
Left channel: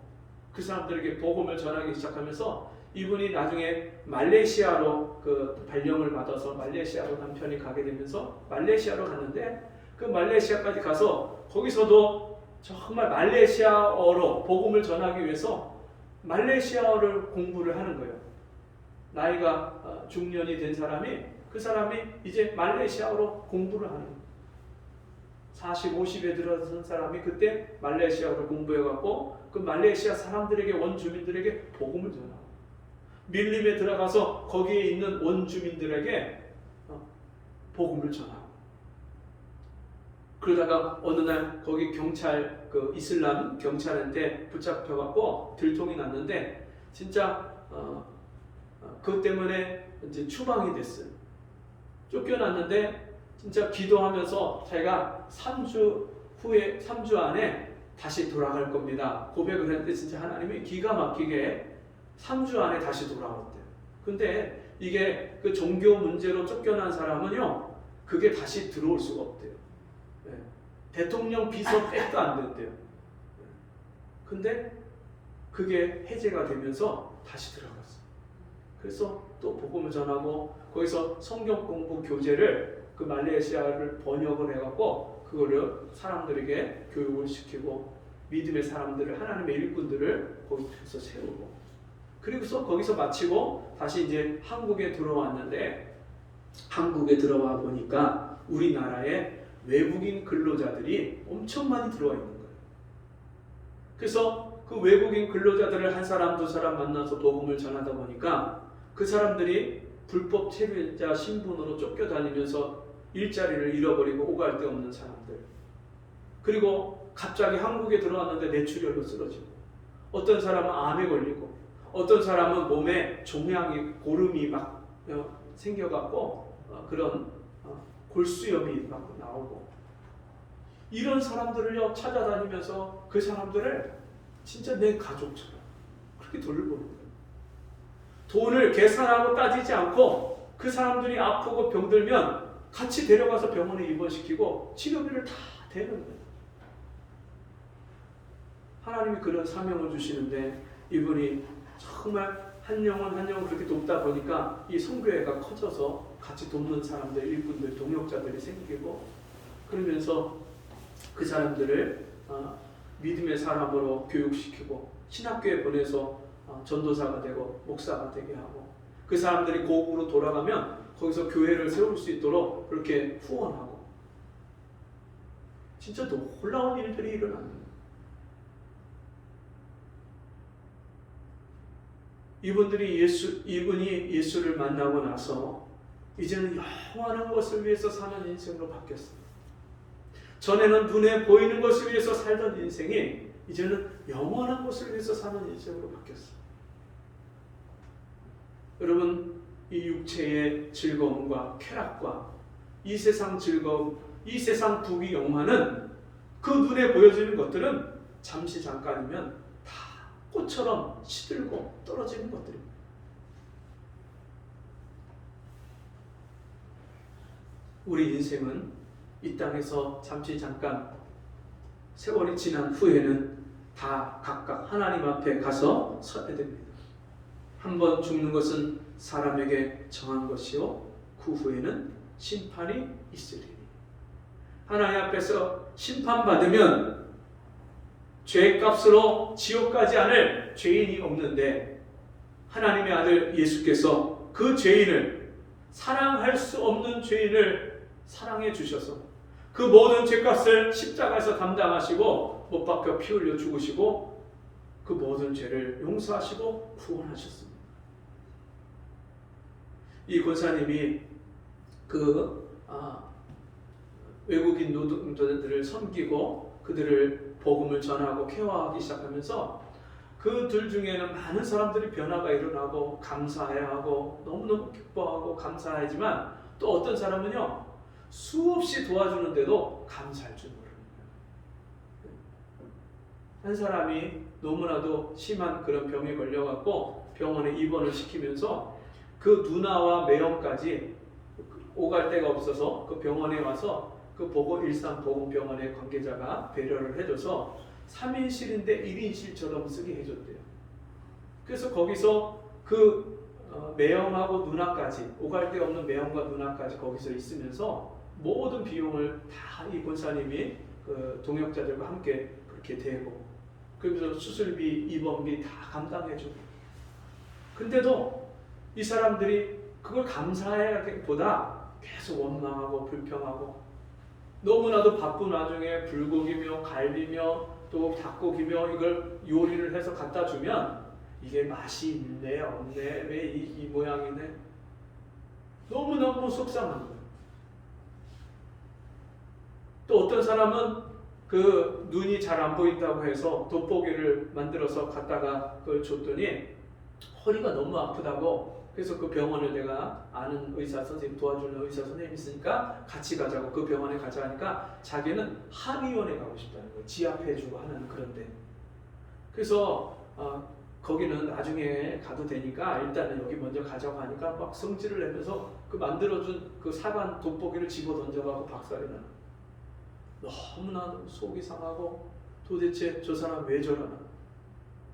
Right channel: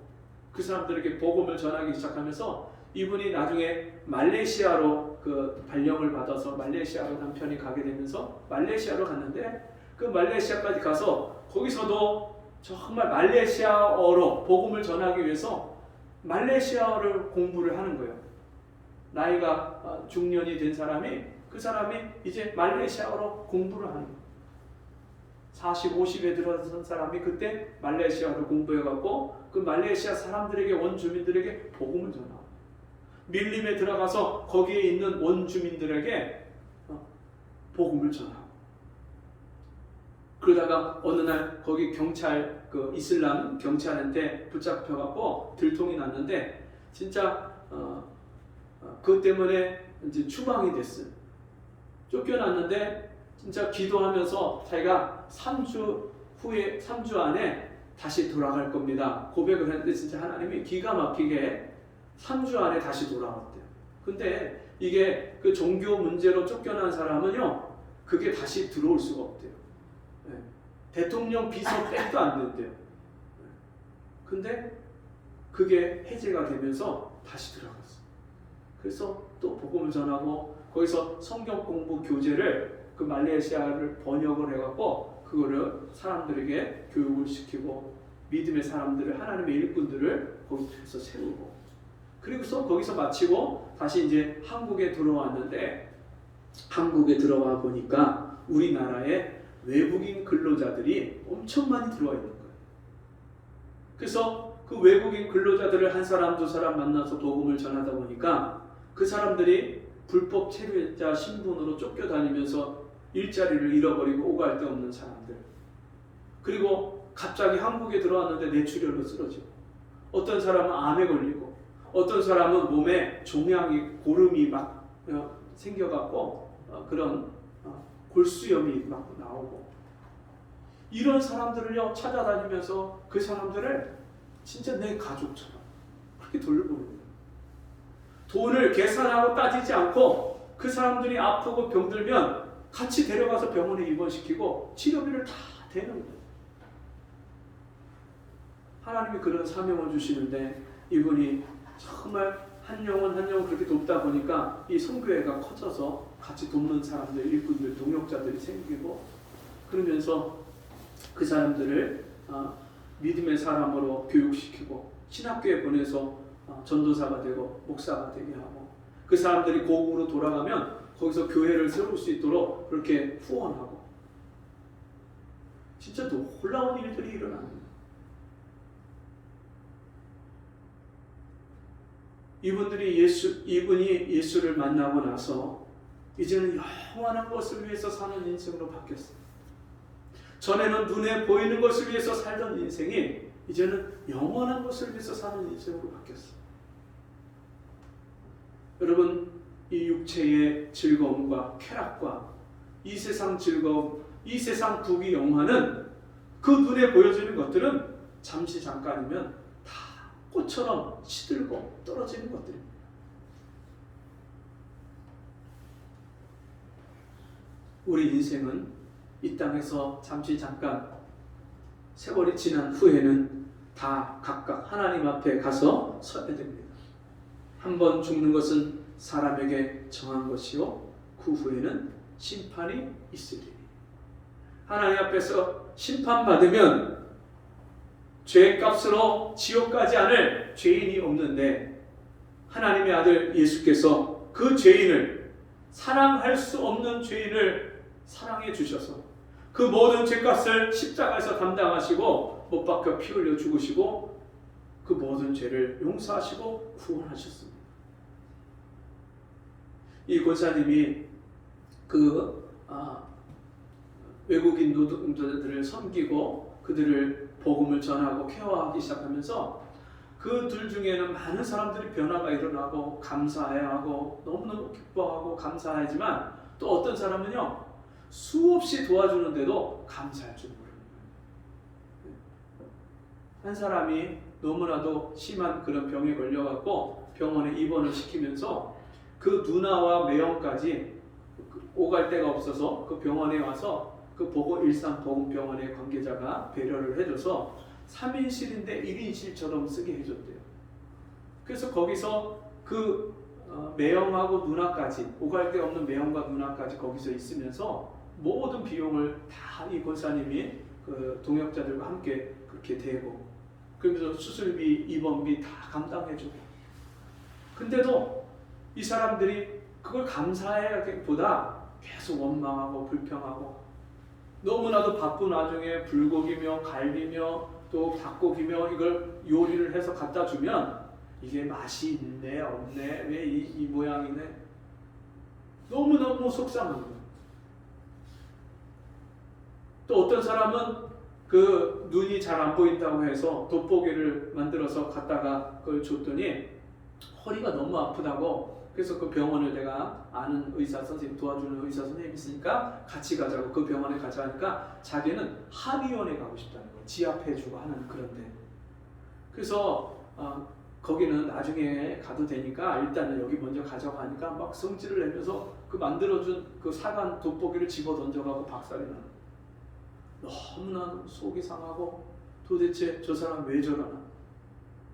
그 사람들에게 복음을 전하기 시작하면서 이분이 나중에 말레이시아로 그 발령을 받아서 말레이시아로 남편이 가게 되면서 말레이시아로 갔는데 그 말레이시아까지 가서 거기서도 정말 말레이시아어로 복음을 전하기 위해서 말레이시아어를 공부를 하는 거예요. 나이가 중년이 된 사람이 그 사람이 이제 말레이시아어로 공부를 하는 거예요. 40, 50에 들어선 사람이 그때 말레이시아어로 공부해갖고 그 말레이시아 사람들에게 원주민들에게 복음을 전하고 밀림에 들어가서 거기에 있는 원주민들에게 복음을 전하고 그러다가 어느 날 거기 경찰 그 이슬람 경찰한테 붙잡혀갖고 들통이 났는데 진짜 그것 때문에 이제 추방이 됐어요. 쫓겨났는데 진짜 기도하면서 자기가 3주 후에 3주 안에 다시 돌아갈 겁니다. 고백을 했는데 진짜 하나님이 기가 막히게 3주 안에 다시 돌아왔대요. 근데 이게 그 종교 문제로 쫓겨난 사람은요, 그게 다시 들어올 수가 없대요. 네. 대통령 비서 백도 안 된대요. 근데 그게 해제가 되면서 다시 들어갔어요. 그래서 또 복음을 전하고 거기서 성경 공부 교재를 그 말레이시아를 번역을 해갖고 그거를 사람들에게 교육을 시키고 믿음의 사람들을 하나님의 일꾼들을 거기서 세우고 그리고서 거기서 마치고 다시 이제 한국에 들어왔는데 한국에 들어와 보니까 우리나라에 외국인 근로자들이 엄청 많이 들어와 있는 거예요. 그래서 그 외국인 근로자들을 한 사람 두 사람 만나서 복음을 전하다 보니까 그 사람들이 불법 체류자 신분으로 쫓겨다니면서 일자리를 잃어버리고 오갈 데 없는 사람들 그리고 갑자기 한국에 들어왔는데 뇌출혈로 쓰러지고, 어떤 사람은 암에 걸리고, 어떤 사람은 몸에 종양이 고름이 막 생겨갖고 그런 골수염이 막 나오고, 이런 사람들을요 찾아다니면서 그 사람들을 진짜 내 가족처럼 그렇게 돌보는 거예요. 돈을 계산하고 따지지 않고 그 사람들이 아프고 병들면 같이 데려가서 병원에 입원시키고 치료비를 다 대는 거예요. 하나님이 그런 사명을 주시는데 이분이 정말 한 영혼 한 영혼 그렇게 돕다 보니까 이 선교회가 커져서 같이 돕는 사람들, 일꾼들, 동역자들이 생기고, 그러면서 그 사람들을 믿음의 사람으로 교육시키고 신학교에 보내서 전도사가 되고 목사가 되게 하고, 그 사람들이 고국으로 돌아가면 거기서 교회를 세울 수 있도록 그렇게 후원하고, 진짜 놀라운 일들이 일어나는 거예요. 이분이 예수를 만나고 나서 이제는 영원한 것을 위해서 사는 인생으로 바뀌었어요. 전에는 눈에 보이는 것을 위해서 살던 인생이 이제는 영원한 것을 위해서 사는 인생으로 바뀌었어요. 여러분, 이 육체의 즐거움과 쾌락과 이 세상 즐거움, 이 세상 부귀 영화는, 그 눈에 보여지는 것들은 잠시 잠깐이면 다 꽃처럼 시들고 떨어지는 것들입니다. 우리 인생은 이 땅에서 잠시 잠깐 세월이 지난 후에는 다 각각 하나님 앞에 가서 서야 됩니다. 한 번 죽는 것은 사람에게 정한 것이요 그 후에는 심판이 있으리니. 하나님 앞에서 심판받으면 죄값으로 지옥 가지 않을 죄인이 없는데, 하나님의 아들 예수께서 그 죄인을, 사랑할 수 없는 죄인을 사랑해 주셔서 그 모든 죄값을 십자가에서 담당하시고 못 박혀 피 흘려 죽으시고 그 모든 죄를 용서하시고 구원하셨습니다. 이 권사님이 외국인 노동자들을 섬기고 그들을 복음을 전하고 케어하기 시작하면서 그들 중에는 많은 사람들이 변화가 일어나고 감사해하고 너무너무 기뻐하고 감사하지만, 또 어떤 사람은요 수없이 도와주는데도 감사할 줄 모르는 거예요. 한 사람이 너무나도 심한 그런 병에 걸려갖고 병원에 입원을 시키면서 그 누나와 매형까지 오갈 데가 없어서 그 병원에 와서 그 일산 보건병원의 관계자가 배려를 해줘서 3인실인데 1인실처럼 쓰게 해줬대요. 그래서 거기서 그 매형하고 누나까지, 오갈 데 없는 매형과 누나까지 거기서 있으면서 모든 비용을 다 이 권사님이 그 동역자들과 함께 그렇게 대고, 그러면서 수술비, 입원비 다 감당해주고. 근데도 이 사람들이 그걸 감사하기보다 계속 원망하고 불평하고, 너무나도 바쁜 와중에 불고기며 갈비며 또 닭고기며 이걸 요리를 해서 갖다 주면 이게 맛이 있네 없네, 왜 이 모양이네, 너무너무 속상한 거예요. 또 어떤 사람은 그 눈이 잘 안 보인다고 해서 돋보기를 만들어서 갖다가 그걸 줬더니 허리가 너무 아프다고, 그래서 그 병원을 내가 아는 의사 선생님, 도와주는 의사 선생님이 있으니까 같이 가자고, 그 병원에 가자 하니까 자기는 한의원에 가고 싶다는 거예요. 지압해주고 하는 그런데. 그래서 거기는 나중에 가도 되니까 일단은 여기 먼저 가져가니까 막 성질을 내면서 그 만들어준 그 사간 돋보기를 집어 던져가고 박살이 나는 거예요. 너무나 속이 상하고 도대체 저 사람 왜 저러나,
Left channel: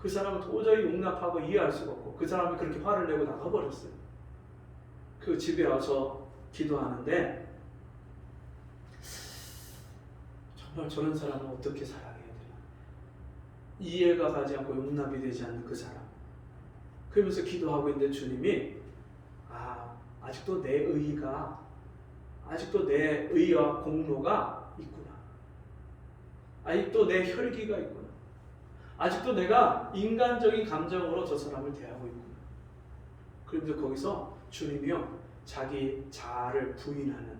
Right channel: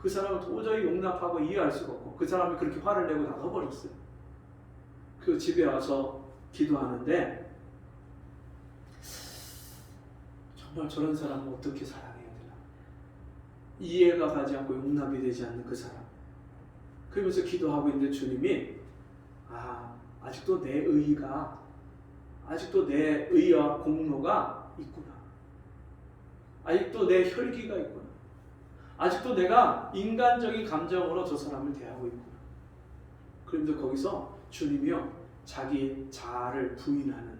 그 사람을 도저히 용납하고 이해할 수가 없고 그 사람이 그렇게 화를 내고 나가버렸어요. 그 집에 와서 기도하는데 정말 저런 사람은 어떻게 사랑해야 되나, 이해가 가지 않고 용납이 되지 않는 그 사람. 그러면서 기도하고 있는데 주님이 아직도 내 의의가, 아직도 내 의와 공로가 있구나, 아직도 내 혈기가 있구나, 아직도 내가 인간적인 감정으로 저 사람을 대하고 있구나. 그러면서 거기서 주님이요 자기 자아를 부인하는,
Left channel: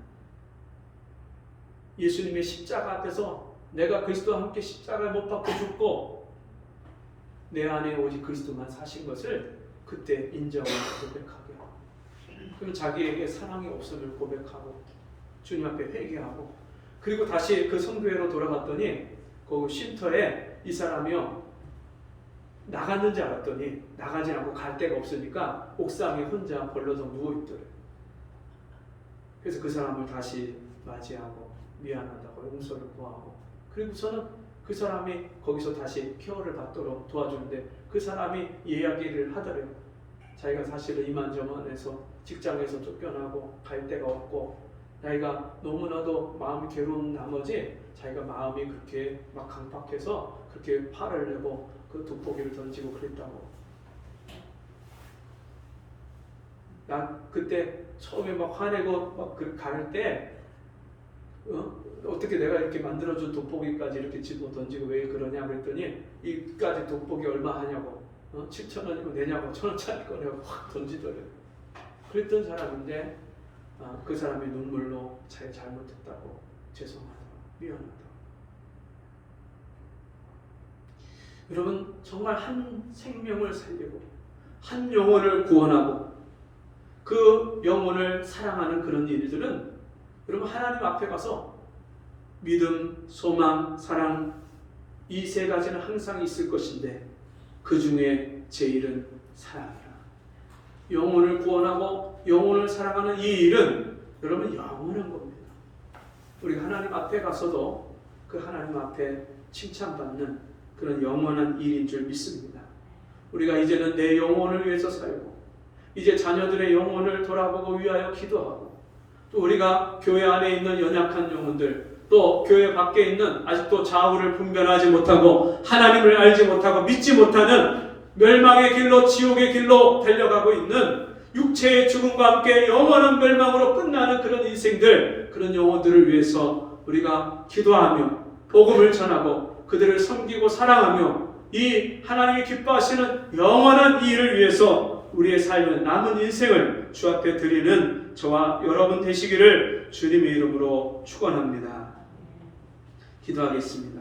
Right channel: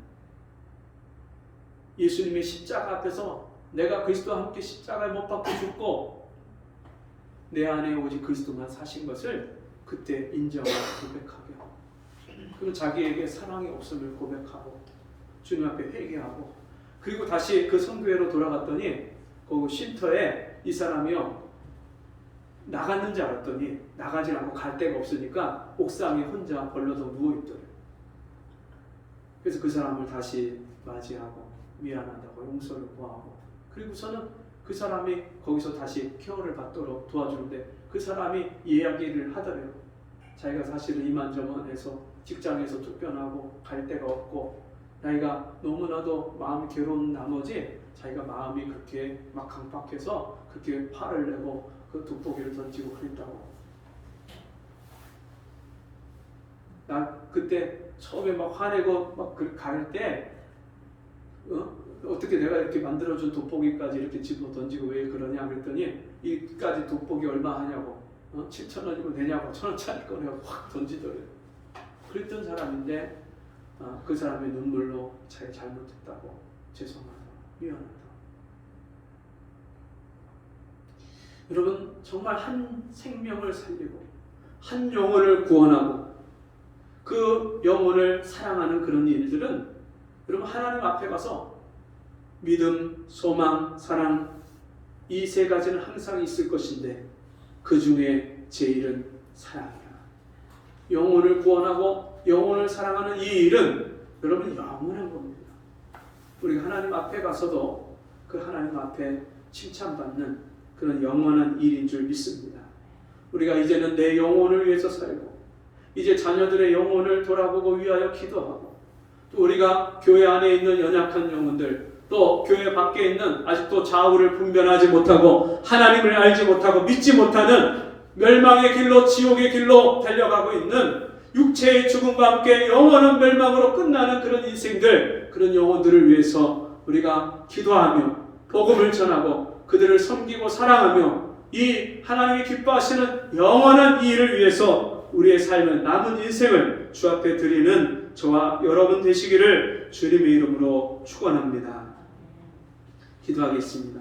예수님의 십자가 앞에서 내가 그리스도와 함께 십자가에 못 박혀 죽고 내 안에 오직 그리스도만 사신 것을 그때 인정하고 고백하게 하고, 그러면 자기에게 사랑이 없음을 고백하고 주님 앞에 회개하고, 그리고 다시 그 선교회로 돌아갔더니 거기 쉼터에 이 사람이요 나갔는지 알았더니 나가지 않고 갈 데가 없으니까 옥상에 혼자 벌러덩 누워있더래요. 그래서 그 사람을 다시 맞이하고 미안하다고 용서를 구하고, 그리고서는 그 사람이 거기서 다시 케어를 받도록 도와주는데 그 사람이 이야기를 하더래요. 자기가 사실은 이만저만해서 직장에서 쫓겨나고 갈 데가 없고 자기가 너무나도 마음이 괴로운 나머지 자기가 마음이 그렇게 막 강팍해서 그렇게 팔을 내고 그 돋보기를 던지고 그랬다고. 나 그때 처음에 막 화내고 막 갈 때 어떻게 내가 이렇게 만들어준 돋보기까지 이렇게 집어 던지고 왜 그러냐 그랬더니 이까지 돋보기 얼마 하냐고 7,000원이면 내냐고 1,000원짜리 꺼내고 확 던지더래요. 그랬던 사람인데 그 사람의 눈물로 자기가 잘못했다고 죄송하다고 미안하다고. 여러분 정말 한 생명을 살리고 한 영혼을 구원하고 그 영혼을 사랑하는 그런 일들은 여러분 하나님 앞에 가서 믿음, 소망, 사랑 이 세 가지는 항상 있을 것인데 그 중에 제일은 사랑이라. 영혼을 구원하고 영혼을 사랑하는 이 일은 여러분 영원한 겁니다. 우리가 하나님 앞에 가서도 그 하나님 앞에 칭찬받는 그런 영원한 일인 줄 믿습니다. 우리가 이제는 내 영혼을 위해서 살고 이제 자녀들의 영혼을 돌아보고 위하여 기도하고 또 우리가 교회 안에 있는 연약한 영혼들 또 교회 밖에 있는 아직도 좌우를 분별하지 못하고 하나님을 알지 못하고 믿지 못하는 멸망의 길로 지옥의 길로 달려가고 있는 육체의 죽음과 함께 영원한 멸망으로 끝나는 그런 인생들 그런 영혼들을 위해서 우리가 기도하며 복음을 전하고 그들을 섬기고 사랑하며 이 하나님이 기뻐하시는 영원한 이 일을 위해서 우리의 삶은 남은 인생을 주 앞에 드리는 저와 여러분 되시기를 주님의 이름으로 축원합니다. 기도하겠습니다.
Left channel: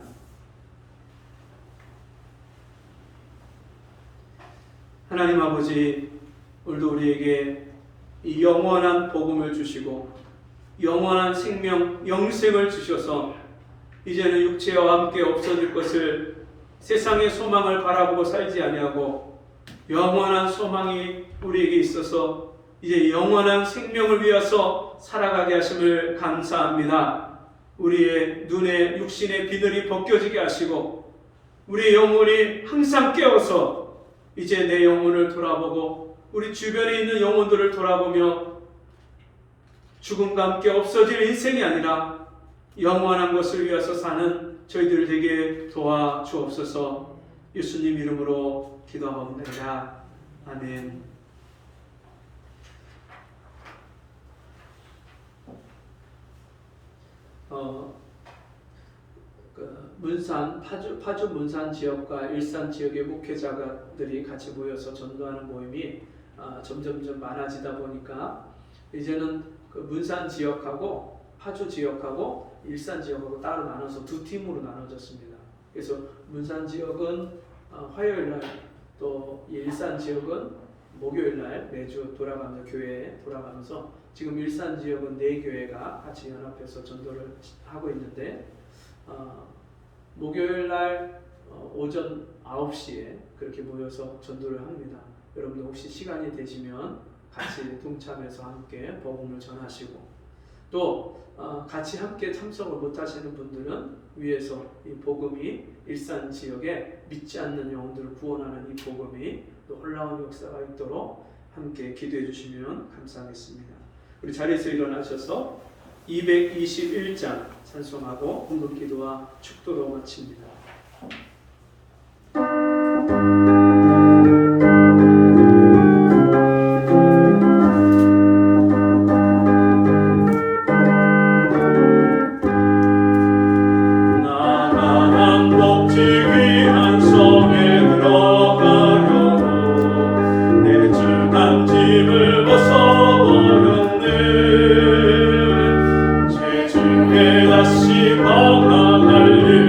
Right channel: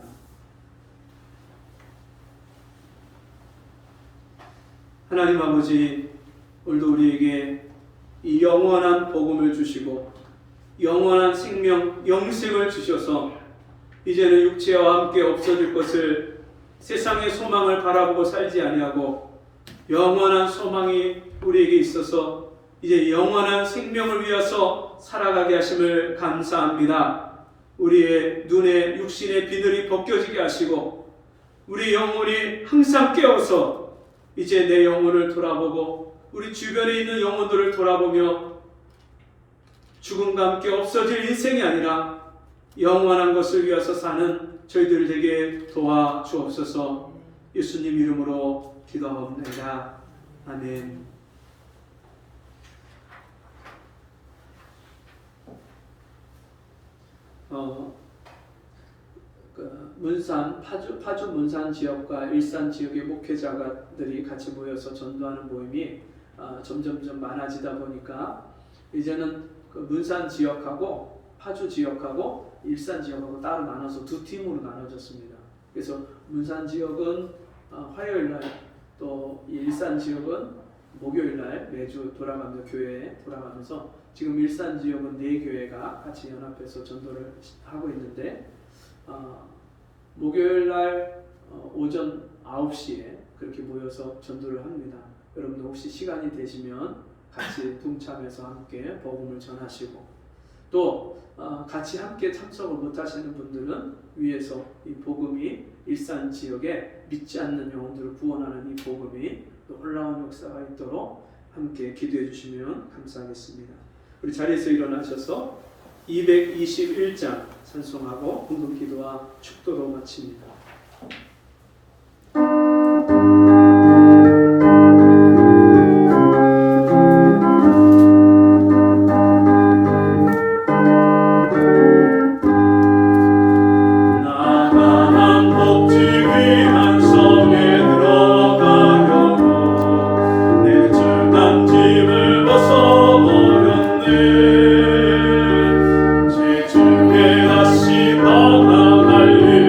하나님 아버지, 오늘도 우리에게 이 영원한 복음을 주시고 영원한 생명, 영생을 주셔서 이제는 육체와 함께 없어질 것을 세상의 소망을 바라보고 살지 아니하고 영원한 소망이 우리에게 있어서 이제 영원한 생명을 위해서 살아가게 하심을 감사합니다. 우리의 눈에 육신의 비늘이 벗겨지게 하시고 우리 영혼이 항상 깨어서 이제 내 영혼을 돌아보고 우리 주변에 있는 영혼들을 돌아보며 죽음과 함께 없어질 인생이 아니라 영원한 것을 위해서 사는 저희들 되게 도와주옵소서. 예수님 이름으로 기도합니다. 아멘. 문산 파주 문산 지역과 일산 지역의 목회자들이 같이 모여서 전도하는 모임이 점점점 많아지다 보니까 이제는 그 문산 지역하고 파주 지역하고 일산 지역하고 따로 나눠서 두 팀으로 나눠졌습니다. 그래서 문산 지역은 화요일날 또 일산 지역은 목요일날 매주 돌아가면서 교회에 돌아가면서 지금 일산 지역은 4교회가 같이 연합해서 전도를 하고 있는데 목요일날 오전 9시에 그렇게 모여서 전도를 합니다. 여러분들 혹시 시간이 되시면 같이 동참해서 함께 복음을 전하시고 또 같이 함께 참석을 못하시는 분들은 위에서 이 복음이 일산 지역에 믿지 않는 영혼들을 구원하는 이 복음이 놀라운 역사가 있도록 함께 기도해 주시면 감사하겠습니다. 우리 자리에서 일어나셔서 221장 찬송하고 궁금 기도와 축도로 마칩니다. 다시 방황할 일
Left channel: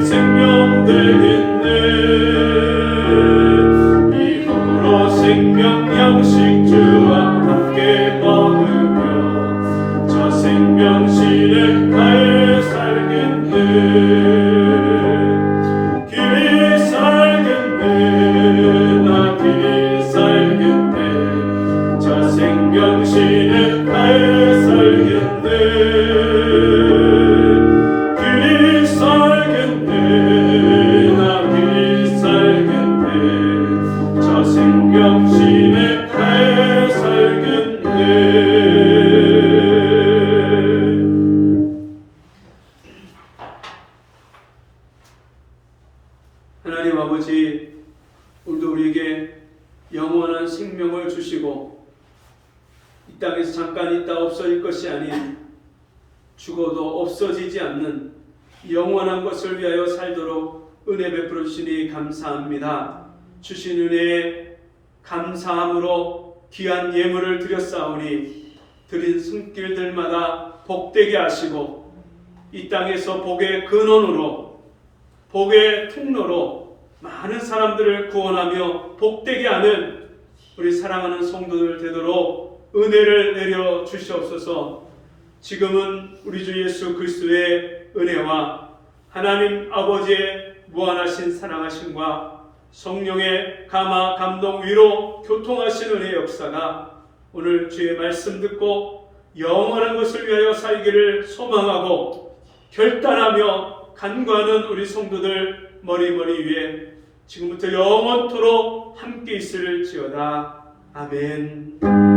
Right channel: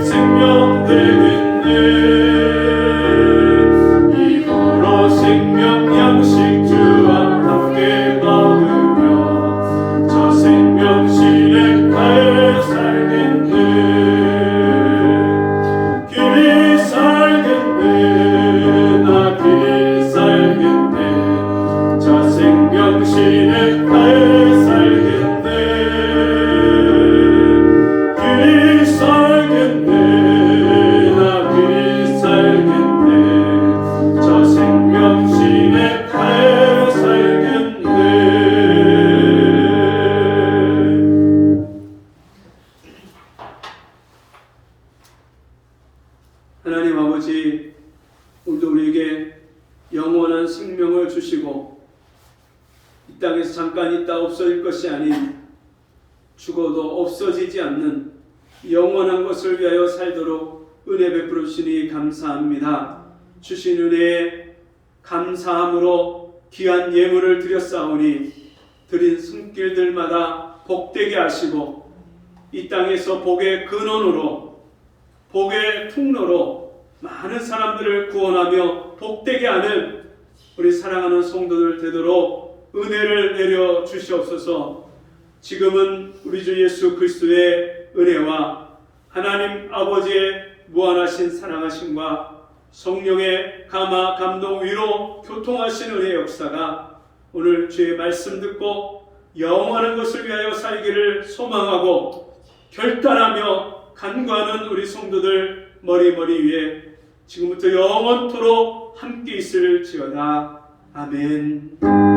생명 되겠네. 이후로 생명 양식 주와 함께 먹으며 저 생명실에 가에 살겠네. 길이 살겠네. 나 길이 살겠네. 저 생명실에 가에 살겠네. 길이 살겠네. 나 길이 살겠네. 저 생명실에 가에 살겠네. 하나님 아버지, 오늘도 우리에게 영원한 생명을 주시고 이 땅에서 잠깐 있다 없어질 것이 아닌 죽어도 없어지지 않는 영원한 것을 위하여 살도록 은혜 베풀어 주시니 감사합니다. 주신 은혜에 감사함으로 귀한 예물을 드렸사오니 드린 손길들마다 복되게 하시고 이 땅에서 복의 근원으로 복의 통로로 많은 사람들을 구원하며 복되게 하는 우리 사랑하는 성도들 되도록 은혜를 내려 주시옵소서. 지금은 우리 주 예수 그리스도의 은혜와 하나님 아버지의 무한하신 사랑하심과 성령의 감화 감동 위로 교통하신 은혜의 역사가 오늘 주의 말씀 듣고 영원한 것을 위하여 살기를 소망하고 결단하며 간구하는 우리 성도들 머리머리 위에 지금부터 영원토록 함께 있을지어다. 아멘.